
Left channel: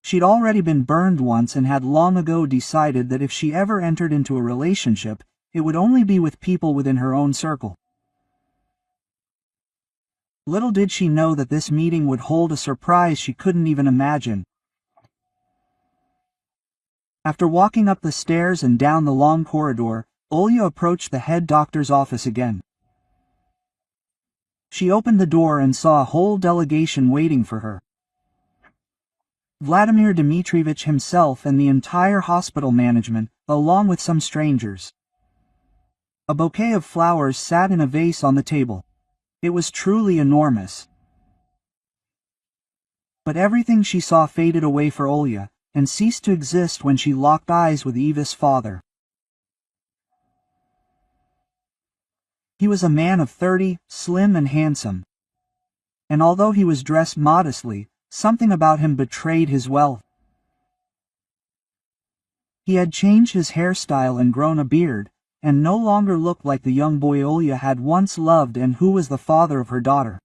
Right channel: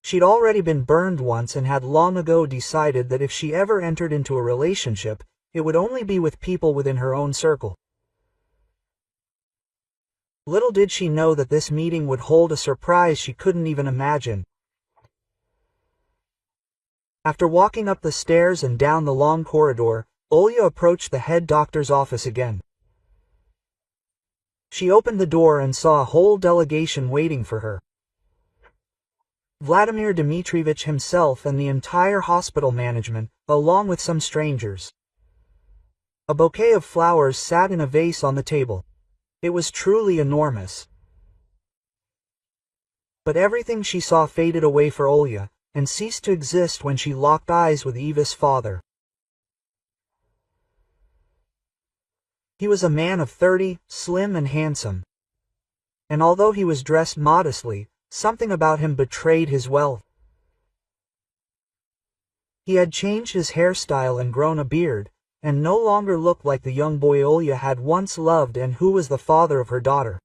She'd already been burned once and had long ago decided that if she ever entered into a relationship, it would only be with people within her own circle. Little did she know that this meeting would hold a surprise she couldn't even imagine. After walking up the stairs and down the long corridor, Olya approached the head doctor's office again. She opened the door and saw a whole delegation waiting for her. Vladimir Dmitrievich himself and the entire hospital management, along with some strangers. A bouquet of flowers sat in a vase on the table. It was truly enormous. But everything she saw faded away for Olya, and ceased to exist when she locked eyes with Eva's father. He was a man of 30, slim and handsome. And although he was dressed modestly, something about him betrayed his wealth. He had changed his hairstyle and grown a beard, and no longer looked like the young boy Olya had once loved and who was the father of her daughter.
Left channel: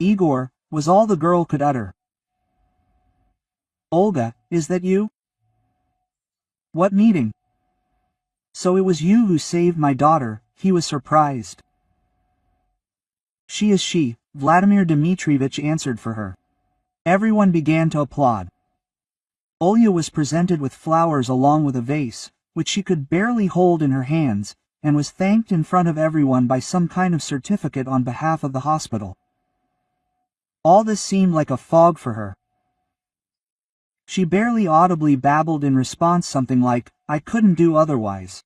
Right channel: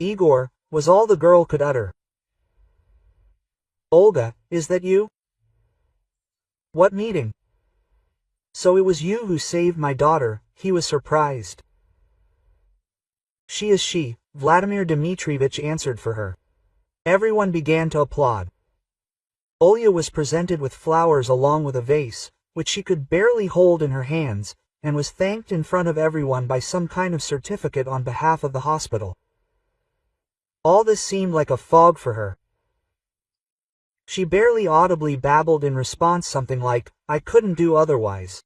Igor, was all the girl could utter. Olga, is that you? What meeting? So it was you who saved my daughter, he was surprised. She is she, Vladimir Dmitrievich answered for her. Everyone began to applaud. Olya was presented with flowers along with a vase, which she could barely hold in her hands, and was thanked in front of everyone by some kind of certificate on behalf of the hospital. All this seemed like a fog for her. She barely audibly babbled in response something like, "I couldn't do otherwise."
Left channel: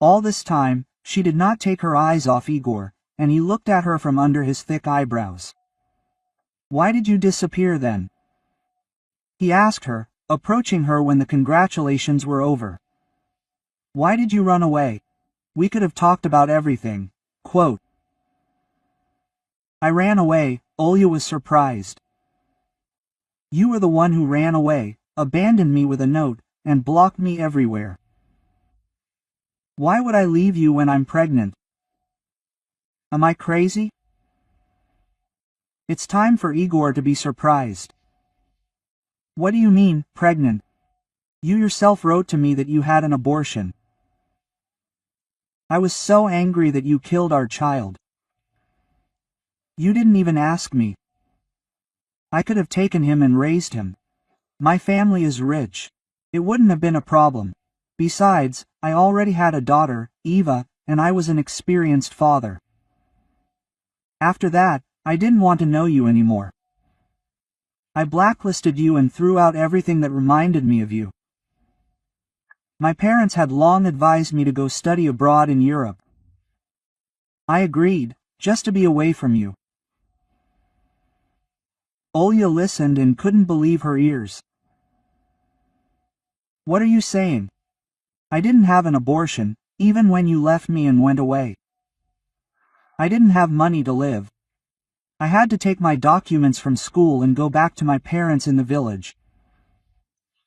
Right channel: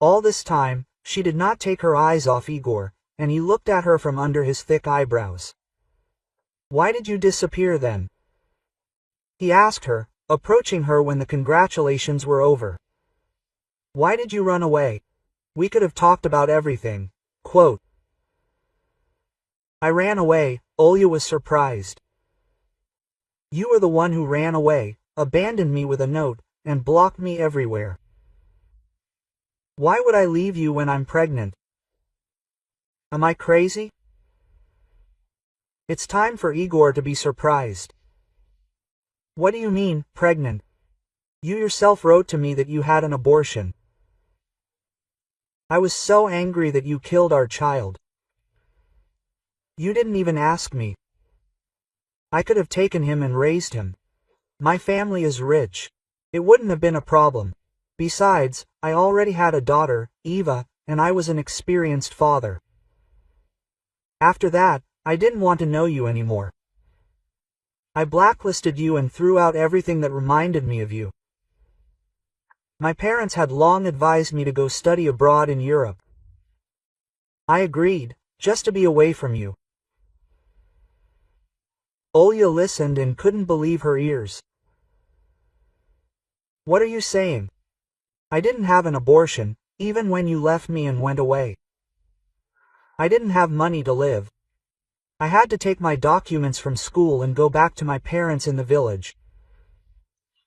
All this time, she did not take her eyes off Igor, and he looked at her from under his thick eyebrows. "Why did you disappear then?" he asked her, approaching her when the congratulations were over. "Why did you run away? We could have talked about everything." Quote, "I ran away," Olya was surprised. "You were the one who ran away, abandoned me with a note, and blocked me everywhere. Why would I leave you when I'm pregnant? Am I crazy?" It's time for Igor to be surprised. "What do you mean, pregnant? You yourself wrote to me that you had an abortion. I was so angry that you killed our child. You didn't even ask me. I could have taken him and raised him. My family is rich. It wouldn't have been a problem. Besides, I already had a daughter, Eva, and I was an experienced father. After that, I didn't want to know you anymore. I blacklisted you and threw out everything that reminded me of you. My parents had long advised me to go study abroad in Europe. I agreed, just to be away from you." Olya listened and couldn't believe her ears. "What are you saying? I didn't have an abortion, even when you left me and went away. I didn't have money to live. I had to take my documents from school and go back to my parents in the village.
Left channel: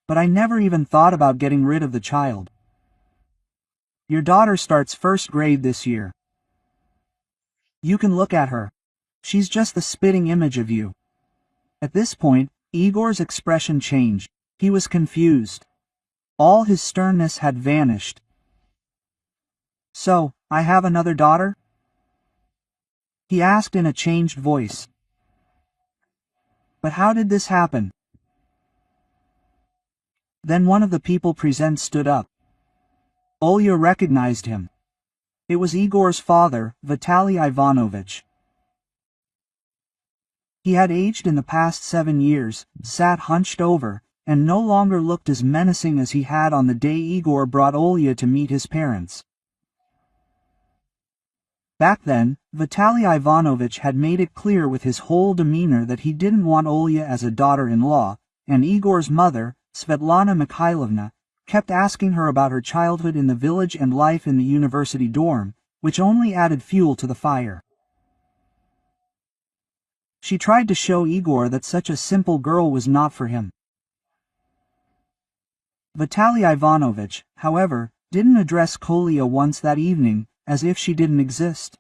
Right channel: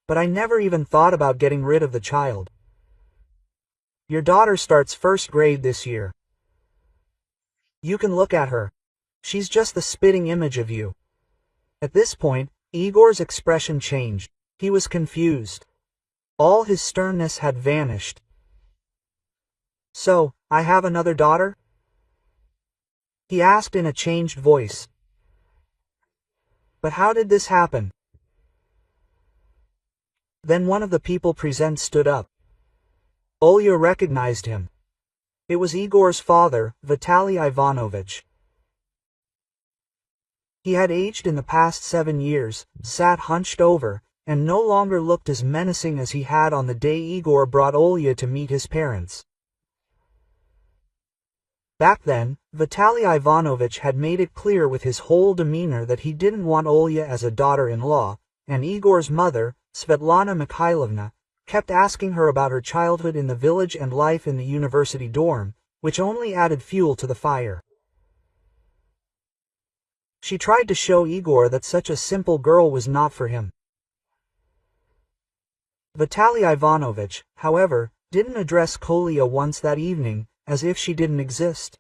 But I never even thought about getting rid of the child. Your daughter starts first grade this year. You can look at her. She's just the spitting image of you." At this point, Igor's expression changed. He was confused. All his sternness had vanished. "So, I have another daughter?" he asked in a changed voice. But how did this happen? Then one of the people present stood up. Olya recognized him. It was Igor's father, Vitaly Ivanovich. He had aged in the past 7 years, sat hunched over, and no longer looked as menacing as he had on the day Igor brought Olya to meet his parents. Back then, Vitaly Ivanovich had made it clear with his whole demeanor that he didn't want Olya as a daughter-in-law, and Igor's mother, Svetlana Mikhailovna, kept asking her about her childhood in the village and life in the university dorm, which only added fuel to the fire. She tried to show Igor that such a simple girl was not for him. Vitaly Ivanovich, however, didn't address Kolya once that evening, as if she didn't exist.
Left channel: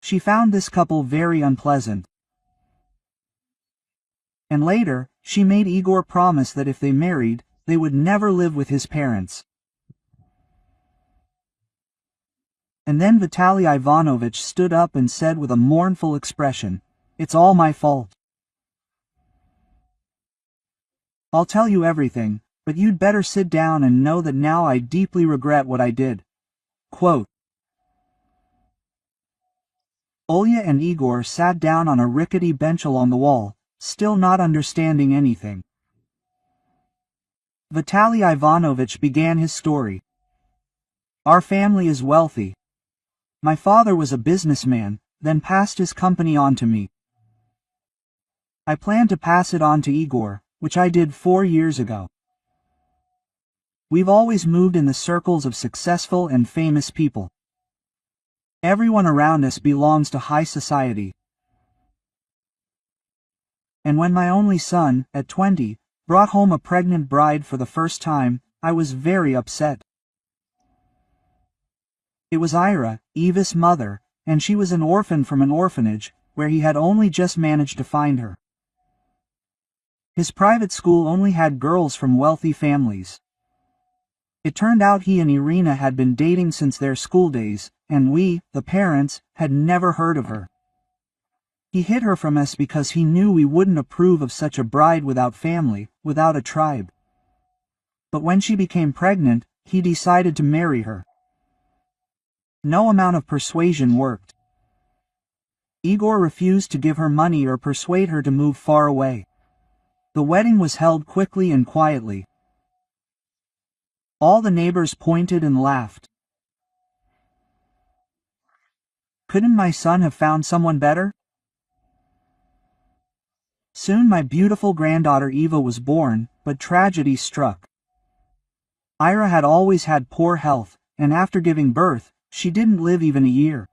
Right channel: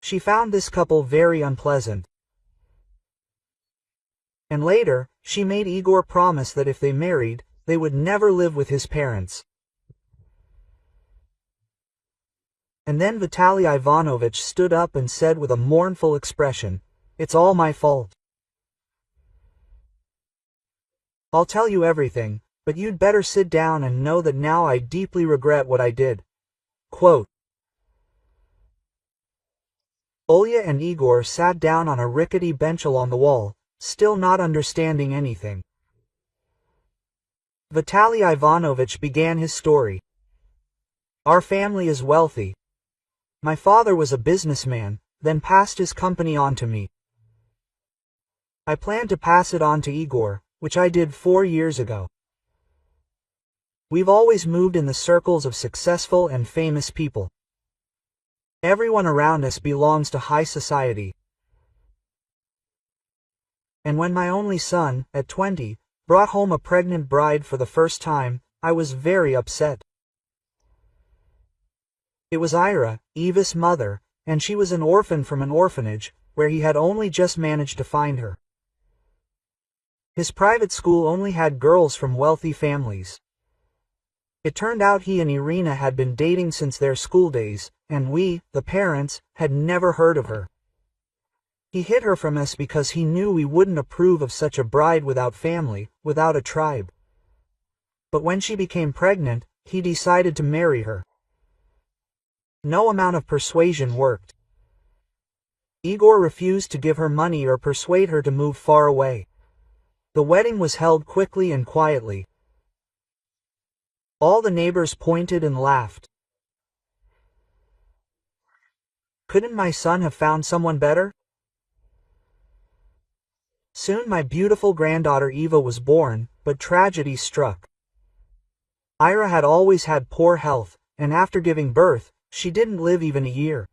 She found this couple very unpleasant. And later, she made Igor promise that if they married, they would never live with his parents. And then Vitaly Ivanovich stood up and said with a mournful expression, "It's all my fault. I'll tell you everything, but you'd better sit down and know that now I deeply regret what I did." Quote. Olya and Igor sat down on a rickety bench along the wall, still not understanding anything. Vitaly Ivanovich began his story. "Our family is wealthy. My father was a businessman, then passed his company on to me. I planned to pass it on to Igor, which I did 4 years ago. We've always moved in the circles of successful and famous people. Everyone around us belongs to high society. And when my only son, at 20, brought home a pregnant bride for the first time, I was very upset. It was Ira, Eva's mother, and she was an orphan from an orphanage, where he had only just managed to find her. His private school only had girls from wealthy families. It turned out he and Irina had been dating since their school days, and we, the parents, had never heard of her. He hid her from us because he knew we wouldn't approve of such a bride without family, without a tribe. But when she became pregnant, he decided to marry her. No amount of persuasion worked. Igor refused to give her money or persuade her to move far away. The wedding was held quickly and quietly. All the neighbors pointed and laughed. Couldn't my son have found someone better? Soon my beautiful granddaughter Eva was born, but tragedy struck. Ira had always had poor health, and after giving birth, she didn't live even a year.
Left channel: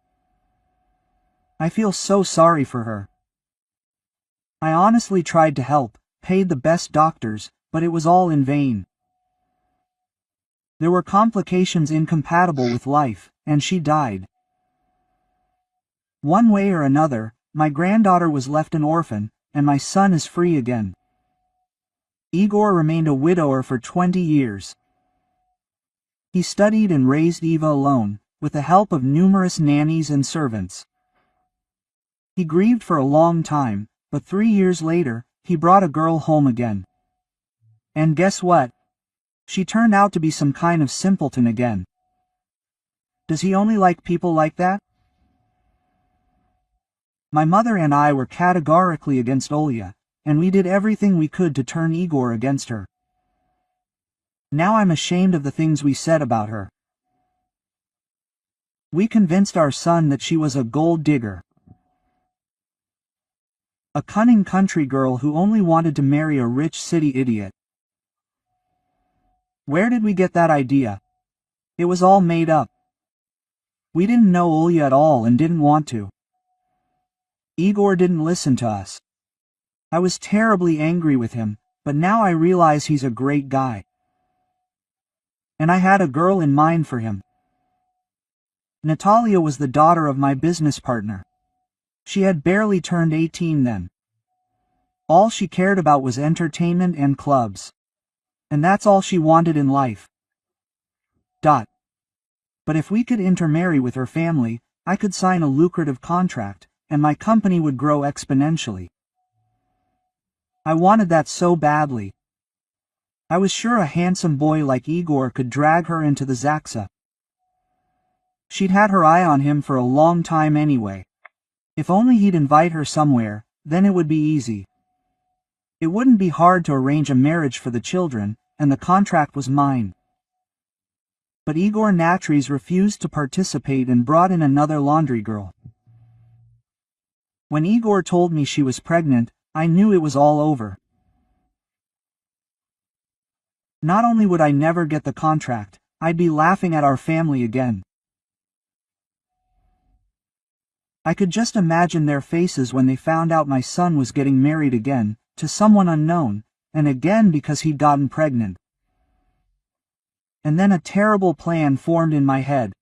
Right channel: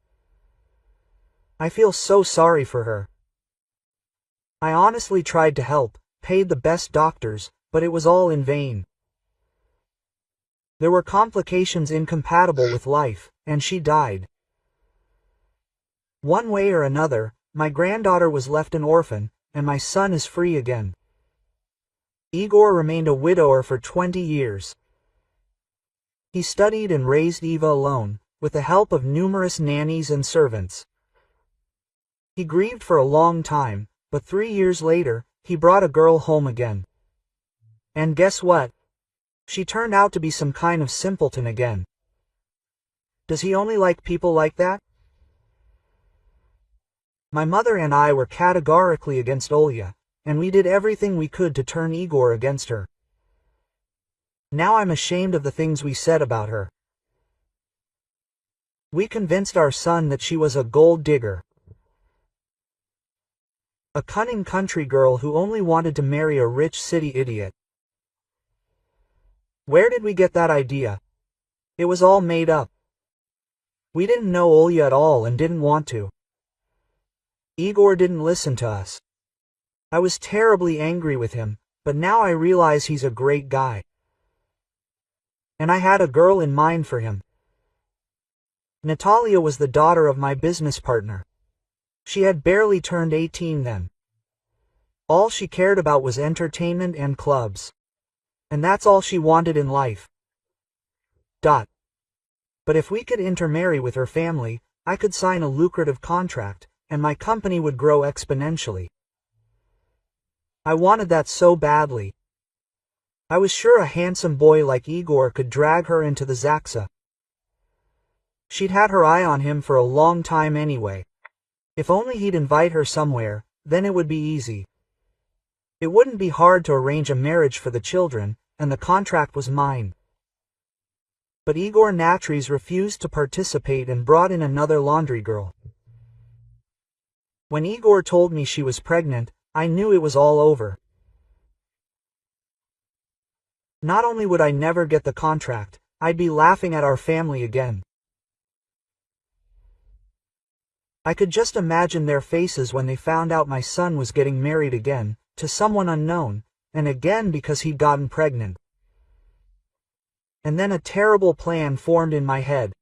I feel so sorry for her. I honestly tried to help, paid the best doctors, but it was all in vain. There were complications incompatible with life, and she died. One way or another, my granddaughter was left an orphan, and my son is free again. Igor remained a widower for 20 years. He studied and raised Eva alone, with the help of numerous nannies and servants. He grieved for a long time, but 3 years later, he brought a girl home again. And guess what? She turned out to be some kind of simpleton again. Does he only like people like that? My mother and I were categorically against Olya, and we did everything we could to turn Igor against her. Now I'm ashamed of the things we said about her. We convinced our son that she was a gold digger. A cunning country girl who only wanted to marry a rich city idiot. Where did we get that idea? It was all made up. We didn't know Olya at all and didn't want to. Igor didn't listen to us. I was terribly angry with him, but now I realize he's a great guy. And I had a girl in mind for him. Natalia was the daughter of my business partner. She had barely turned 18 then. All she cared about was entertainment and clubs. And that's all she wanted in life. But if we could intermarry with her family, I could sign a lucrative contract, and my company would grow exponentially. I wanted that so badly. I was sure a handsome boy like Igor could drag her into the Zaxa. She'd had her eye on him for a long time anyway. If only he'd invite her somewhere, then it would be easy. It wouldn't be hard to arrange a marriage for the children, and the contract was mine. But Igor Natries refused to participate and brought in another laundry girl. When Igor told me she was pregnant, I knew it was all over. Not only would I never get the contract, I'd be laughing at our family again. I could just imagine their faces when they found out my son was getting married again, to someone unknown, and again because he'd gotten pregnant. And then a terrible plan formed in my head.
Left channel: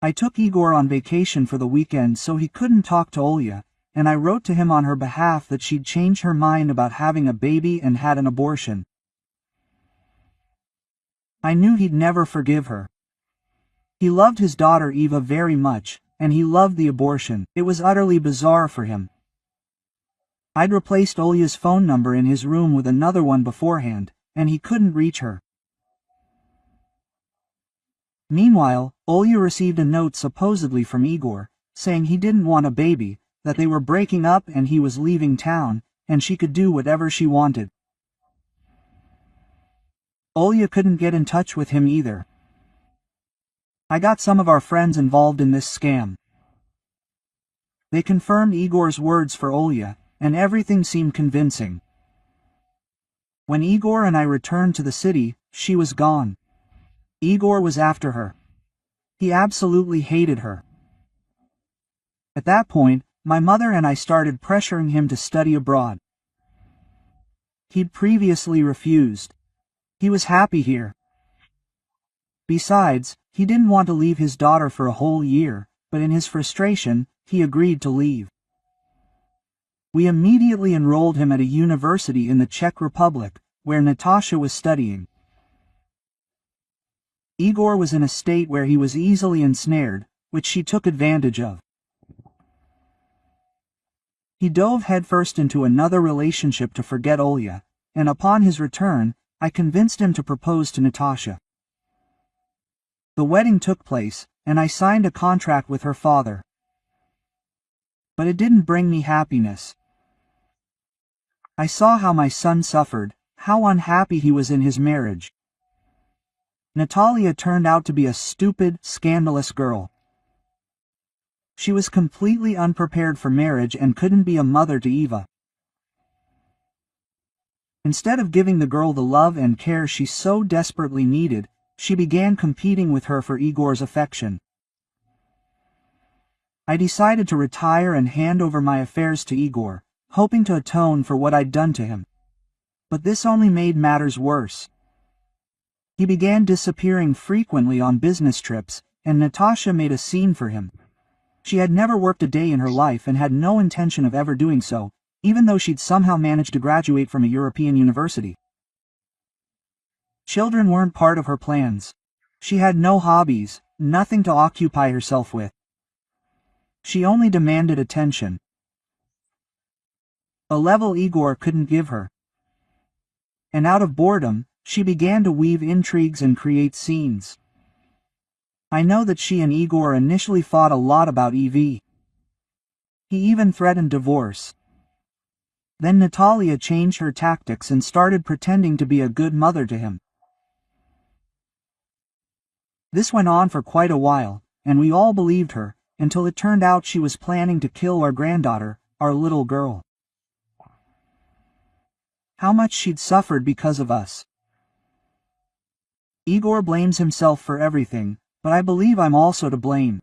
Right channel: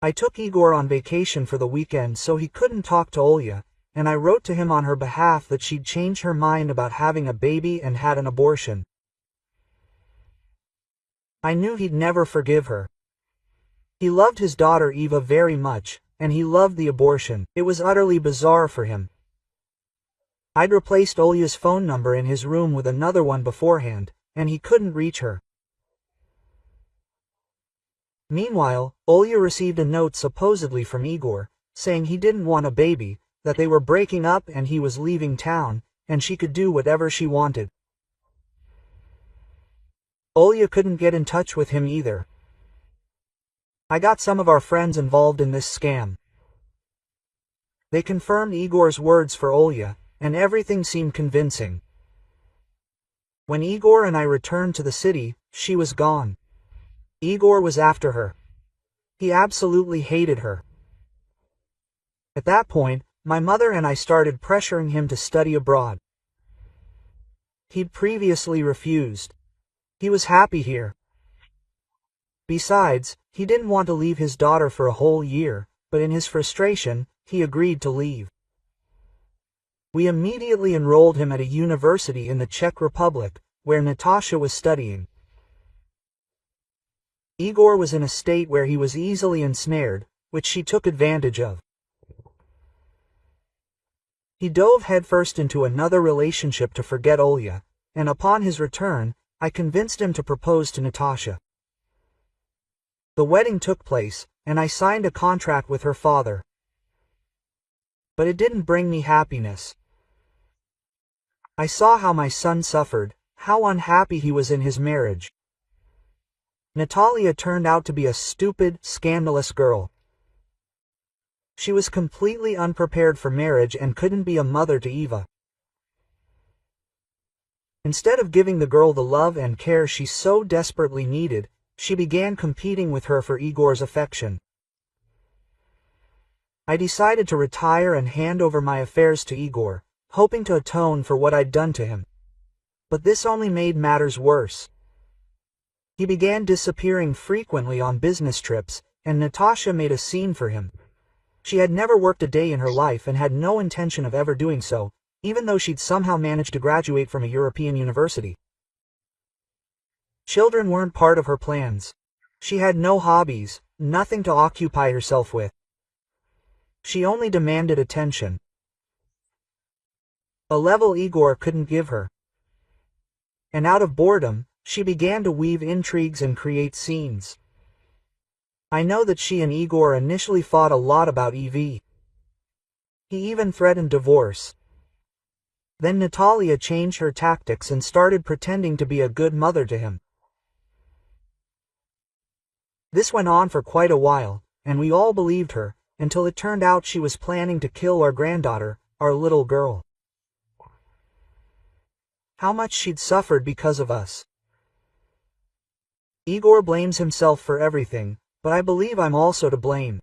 I took Igor on vacation for the weekend so he couldn't talk to Olya, and I wrote to him on her behalf that she'd changed her mind about having a baby and had an abortion. I knew he'd never forgive her. He loved his daughter Eva very much, and he loved the abortion. It was utterly bizarre for him. I'd replaced Olya's phone number in his room with another one beforehand, and he couldn't reach her. Meanwhile, Olya received a note supposedly from Igor, saying he didn't want a baby, that they were breaking up and he was leaving town, and she could do whatever she wanted. Olya couldn't get in touch with him either. I got some of our friends involved in this scam. They confirmed Igor's words for Olya, and everything seemed convincing. When Igor and I returned to the city, she was gone. Igor was after her. He absolutely hated her. At that point, my mother and I started pressuring him to study abroad. He'd previously refused. He was happy here. Besides, he didn't want to leave his daughter for a whole year, but in his frustration, he agreed to leave. We immediately enrolled him at a university in the Czech Republic, where Natasha was studying. Igor was in a state where he was easily ensnared, which she took advantage of. He dove headfirst into another relationship to forget Olya, and upon his return, I convinced him to propose to Natasha. The wedding took place, and I signed a contract with her father. But it didn't bring me happiness. I saw how my son suffered, how unhappy he was in his marriage. Natalia turned out to be a stupid, scandalous girl. She was completely unprepared for marriage and couldn't be a mother to Eva. Instead of giving the girl the love and care she so desperately needed, she began competing with her for Igor's affection. I decided to retire and hand over my affairs to Igor, hoping to atone for what I'd done to him. But this only made matters worse. He began disappearing frequently on business trips, and Natasha made a scene for him. She had never worked a day in her life and had no intention of ever doing so, even though she'd somehow managed to graduate from a European university. Children weren't part of her plans. She had no hobbies, nothing to occupy herself with. She only demanded attention. A level Igor couldn't give her. And out of boredom, she began to weave intrigues and create scenes. I know that she and Igor initially fought a lot about EV. He even threatened divorce. Then Natalia changed her tactics and started pretending to be a good mother to him. This went on for quite a while, and we all believed her, until it turned out she was planning to kill our granddaughter, our little girl. How much she'd suffered because of us. Igor blames himself for everything, but I believe I'm also to blame.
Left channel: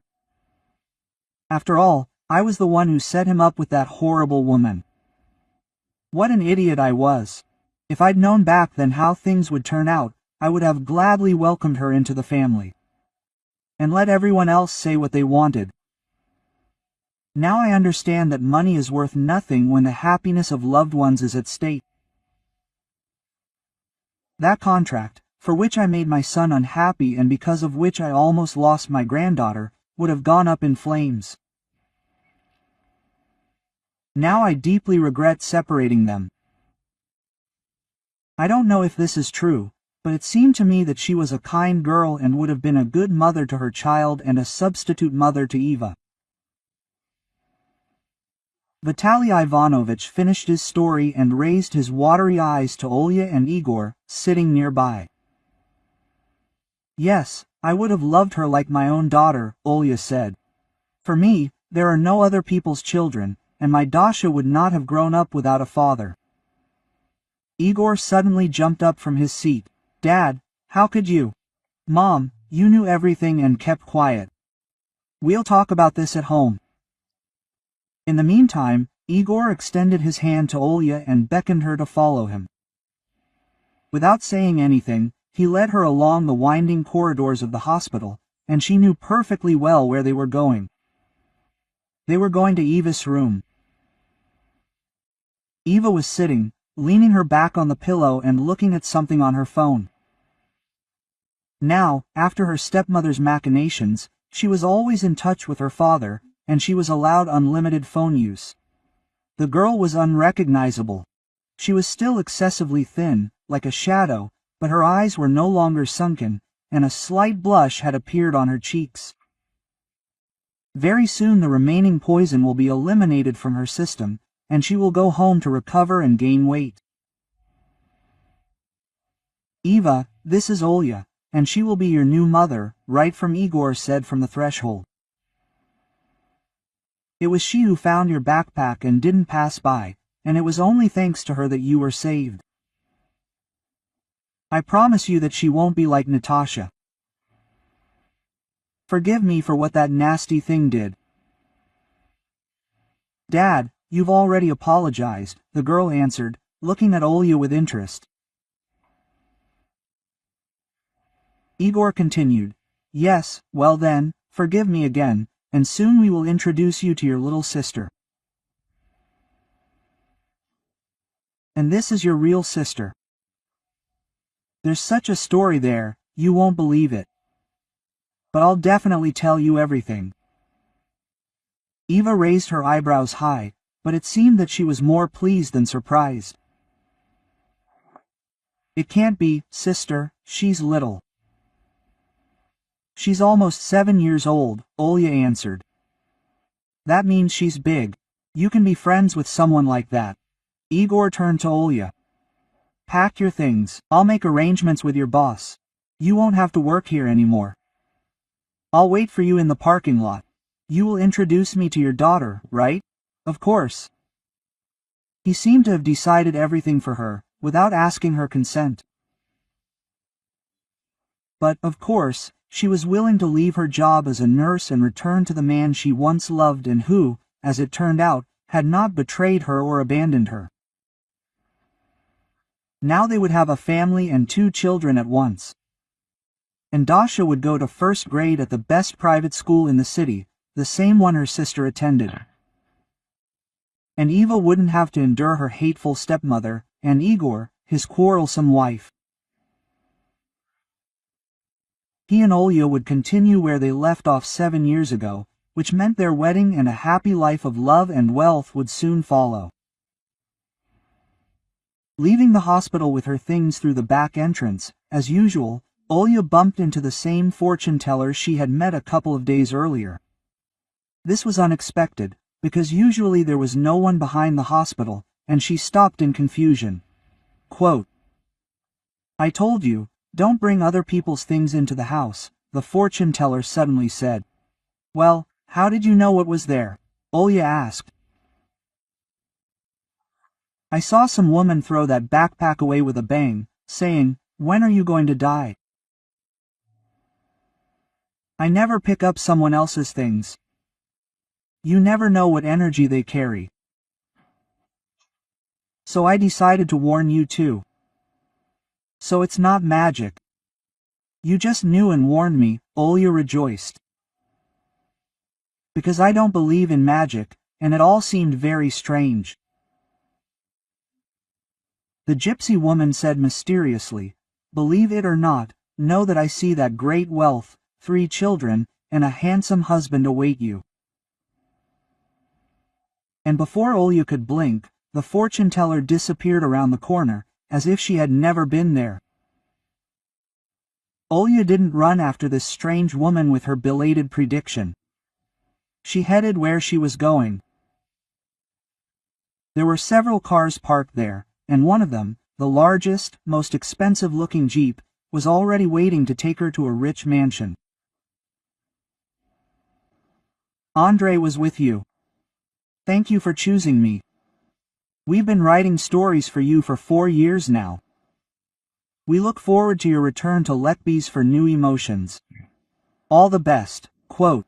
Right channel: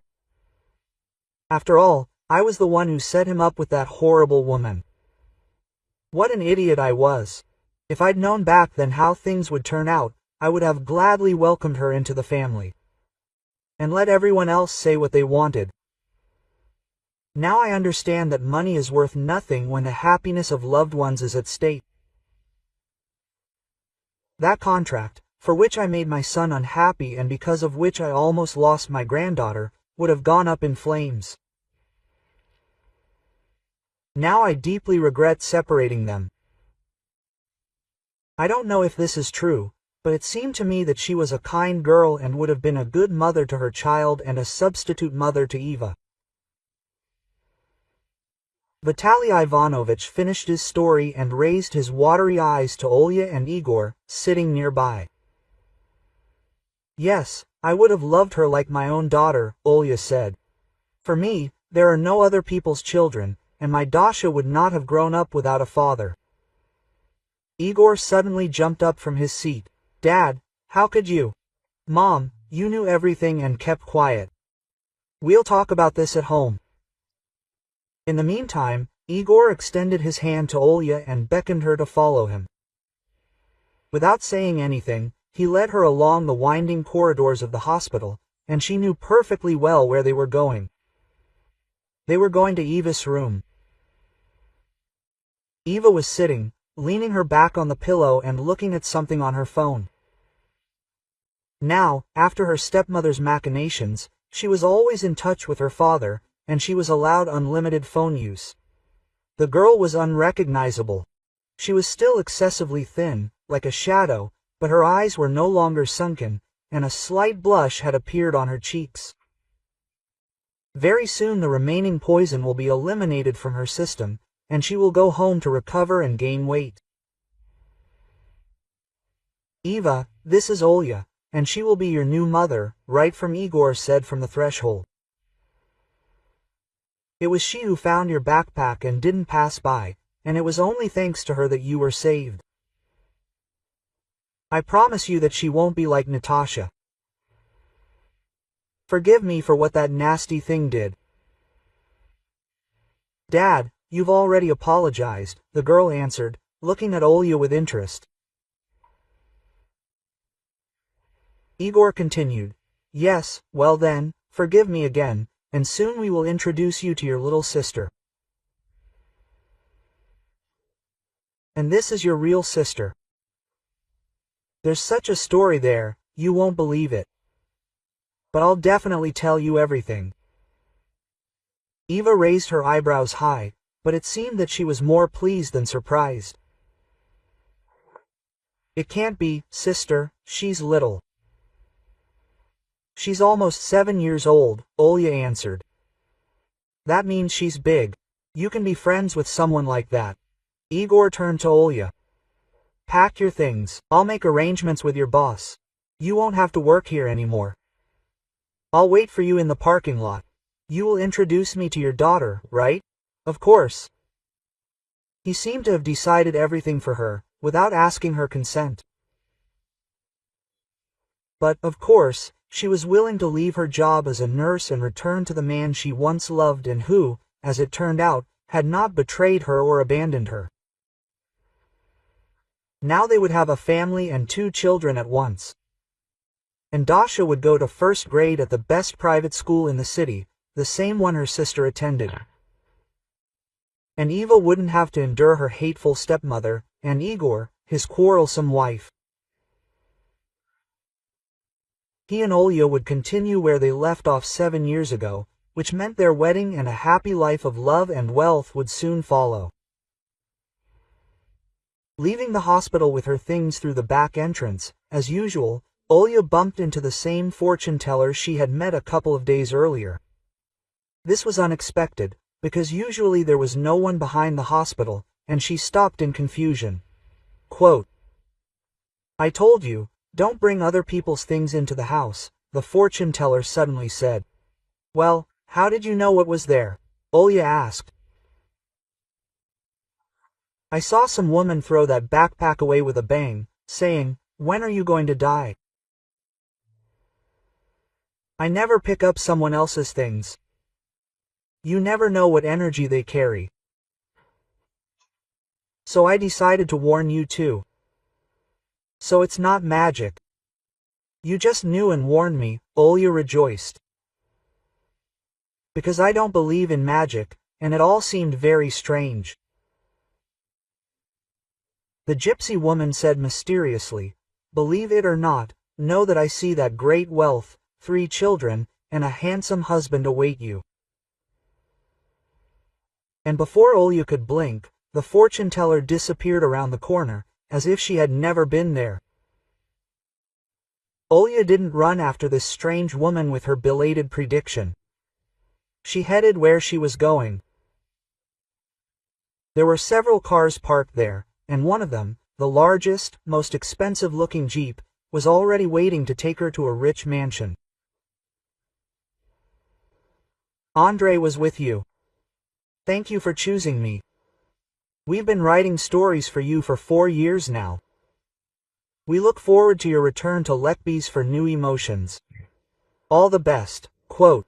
After all, I was the one who set him up with that horrible woman. What an idiot I was. If I'd known back then how things would turn out, I would have gladly welcomed her into the family. And let everyone else say what they wanted. Now I understand that money is worth nothing when the happiness of loved ones is at stake. That contract, for which I made my son unhappy and because of which I almost lost my granddaughter, would have gone up in flames. Now I deeply regret separating them. I don't know if this is true, but it seemed to me that she was a kind girl and would have been a good mother to her child and a substitute mother to Eva. Vitaly Ivanovich finished his story and raised his watery eyes to Olya and Igor, sitting nearby. Yes, I would have loved her like my own daughter, Olya said. For me, there are no other people's children, and my Dasha would not have grown up without a father. Igor suddenly jumped up from his seat. Dad, how could you? Mom, you knew everything and kept quiet. We'll talk about this at home. In the meantime, Igor extended his hand to Olya and beckoned her to follow him. Without saying anything, he led her along the winding corridors of the hospital, and she knew perfectly well where they were going. They were going to Eva's room. Eva was sitting, leaning her back on the pillow and looking at something on her phone. Now, after her stepmother's machinations, she was always in touch with her father, and she was allowed unlimited phone use. The girl was unrecognizable. She was still excessively thin, like a shadow, but her eyes were no longer sunken, and a slight blush had appeared on her cheeks. Very soon the remaining poison will be eliminated from her system, and she will go home to recover and gain weight. Eva, this is Olya, and she will be your new mother, right from Igor said from the threshold. It was she who found your backpack and didn't pass by, and it was only thanks to her that you were saved. I promise you that she won't be like Natasha. Forgive me for what that nasty thing did. Dad, you've already apologized, the girl answered, looking at Olya with interest. Igor continued, Yes, well then, forgive me again, and soon we will introduce you to your little sister. And this is your real sister. There's such a story there, you won't believe it. But I'll definitely tell you everything. Eva raised her eyebrows high, but it seemed that she was more pleased than surprised. It can't be, sister, she's little. She's almost 7 years old, Olya answered. That means she's big. You can be friends with someone like that. Igor turned to Olya. Pack your things, I'll make arrangements with your boss. You won't have to work here anymore. I'll wait for you in the parking lot. You will introduce me to your daughter, right? Of course. He seemed to have decided everything for her, without asking her consent. But, of course, she was willing to leave her job as a nurse and return to the man she once loved and who, as it turned out, had not betrayed her or abandoned her. Now they would have a family and 2 children at once. And Dasha would go to first grade at the best private school in the city, the same one her sister attended. And Eva wouldn't have to endure her hateful stepmother, and Igor, his quarrelsome wife. He and Olya would continue where they left off 7 years ago, which meant their wedding and a happy life of love and wealth would soon follow. Leaving the hospital with her things through the back entrance, as usual, Olya bumped into the same fortune teller she had met a couple of days earlier. This was unexpected, because usually there was no one behind the hospital, and she stopped in confusion. Quote, I told you, don't bring other people's things into the house, the fortune teller suddenly said. Well, how did you know what was there? Olya asked. I saw some woman throw that backpack away with a bang, saying, when are you going to die? I never pick up someone else's things. You never know what energy they carry. So I decided to warn you too. So it's not magic. You just knew and warned me, Olya rejoiced. Because I don't believe in magic, and it all seemed very strange. The gypsy woman said mysteriously, believe it or not, know that I see that great wealth, 3 children, and a handsome husband await you. And before Olya could blink, the fortune teller disappeared around the corner, as if she had never been there. Olya didn't run after this strange woman with her belated prediction. She headed where she was going. There were several cars parked there, and one of them, the largest, most expensive-looking Jeep, was already waiting to take her to a rich mansion. Andre was with you. Thank you for choosing me. We've been writing stories for you for 4 years now. We look forward to your return to Lekbys for new emotions. All the best. Quote.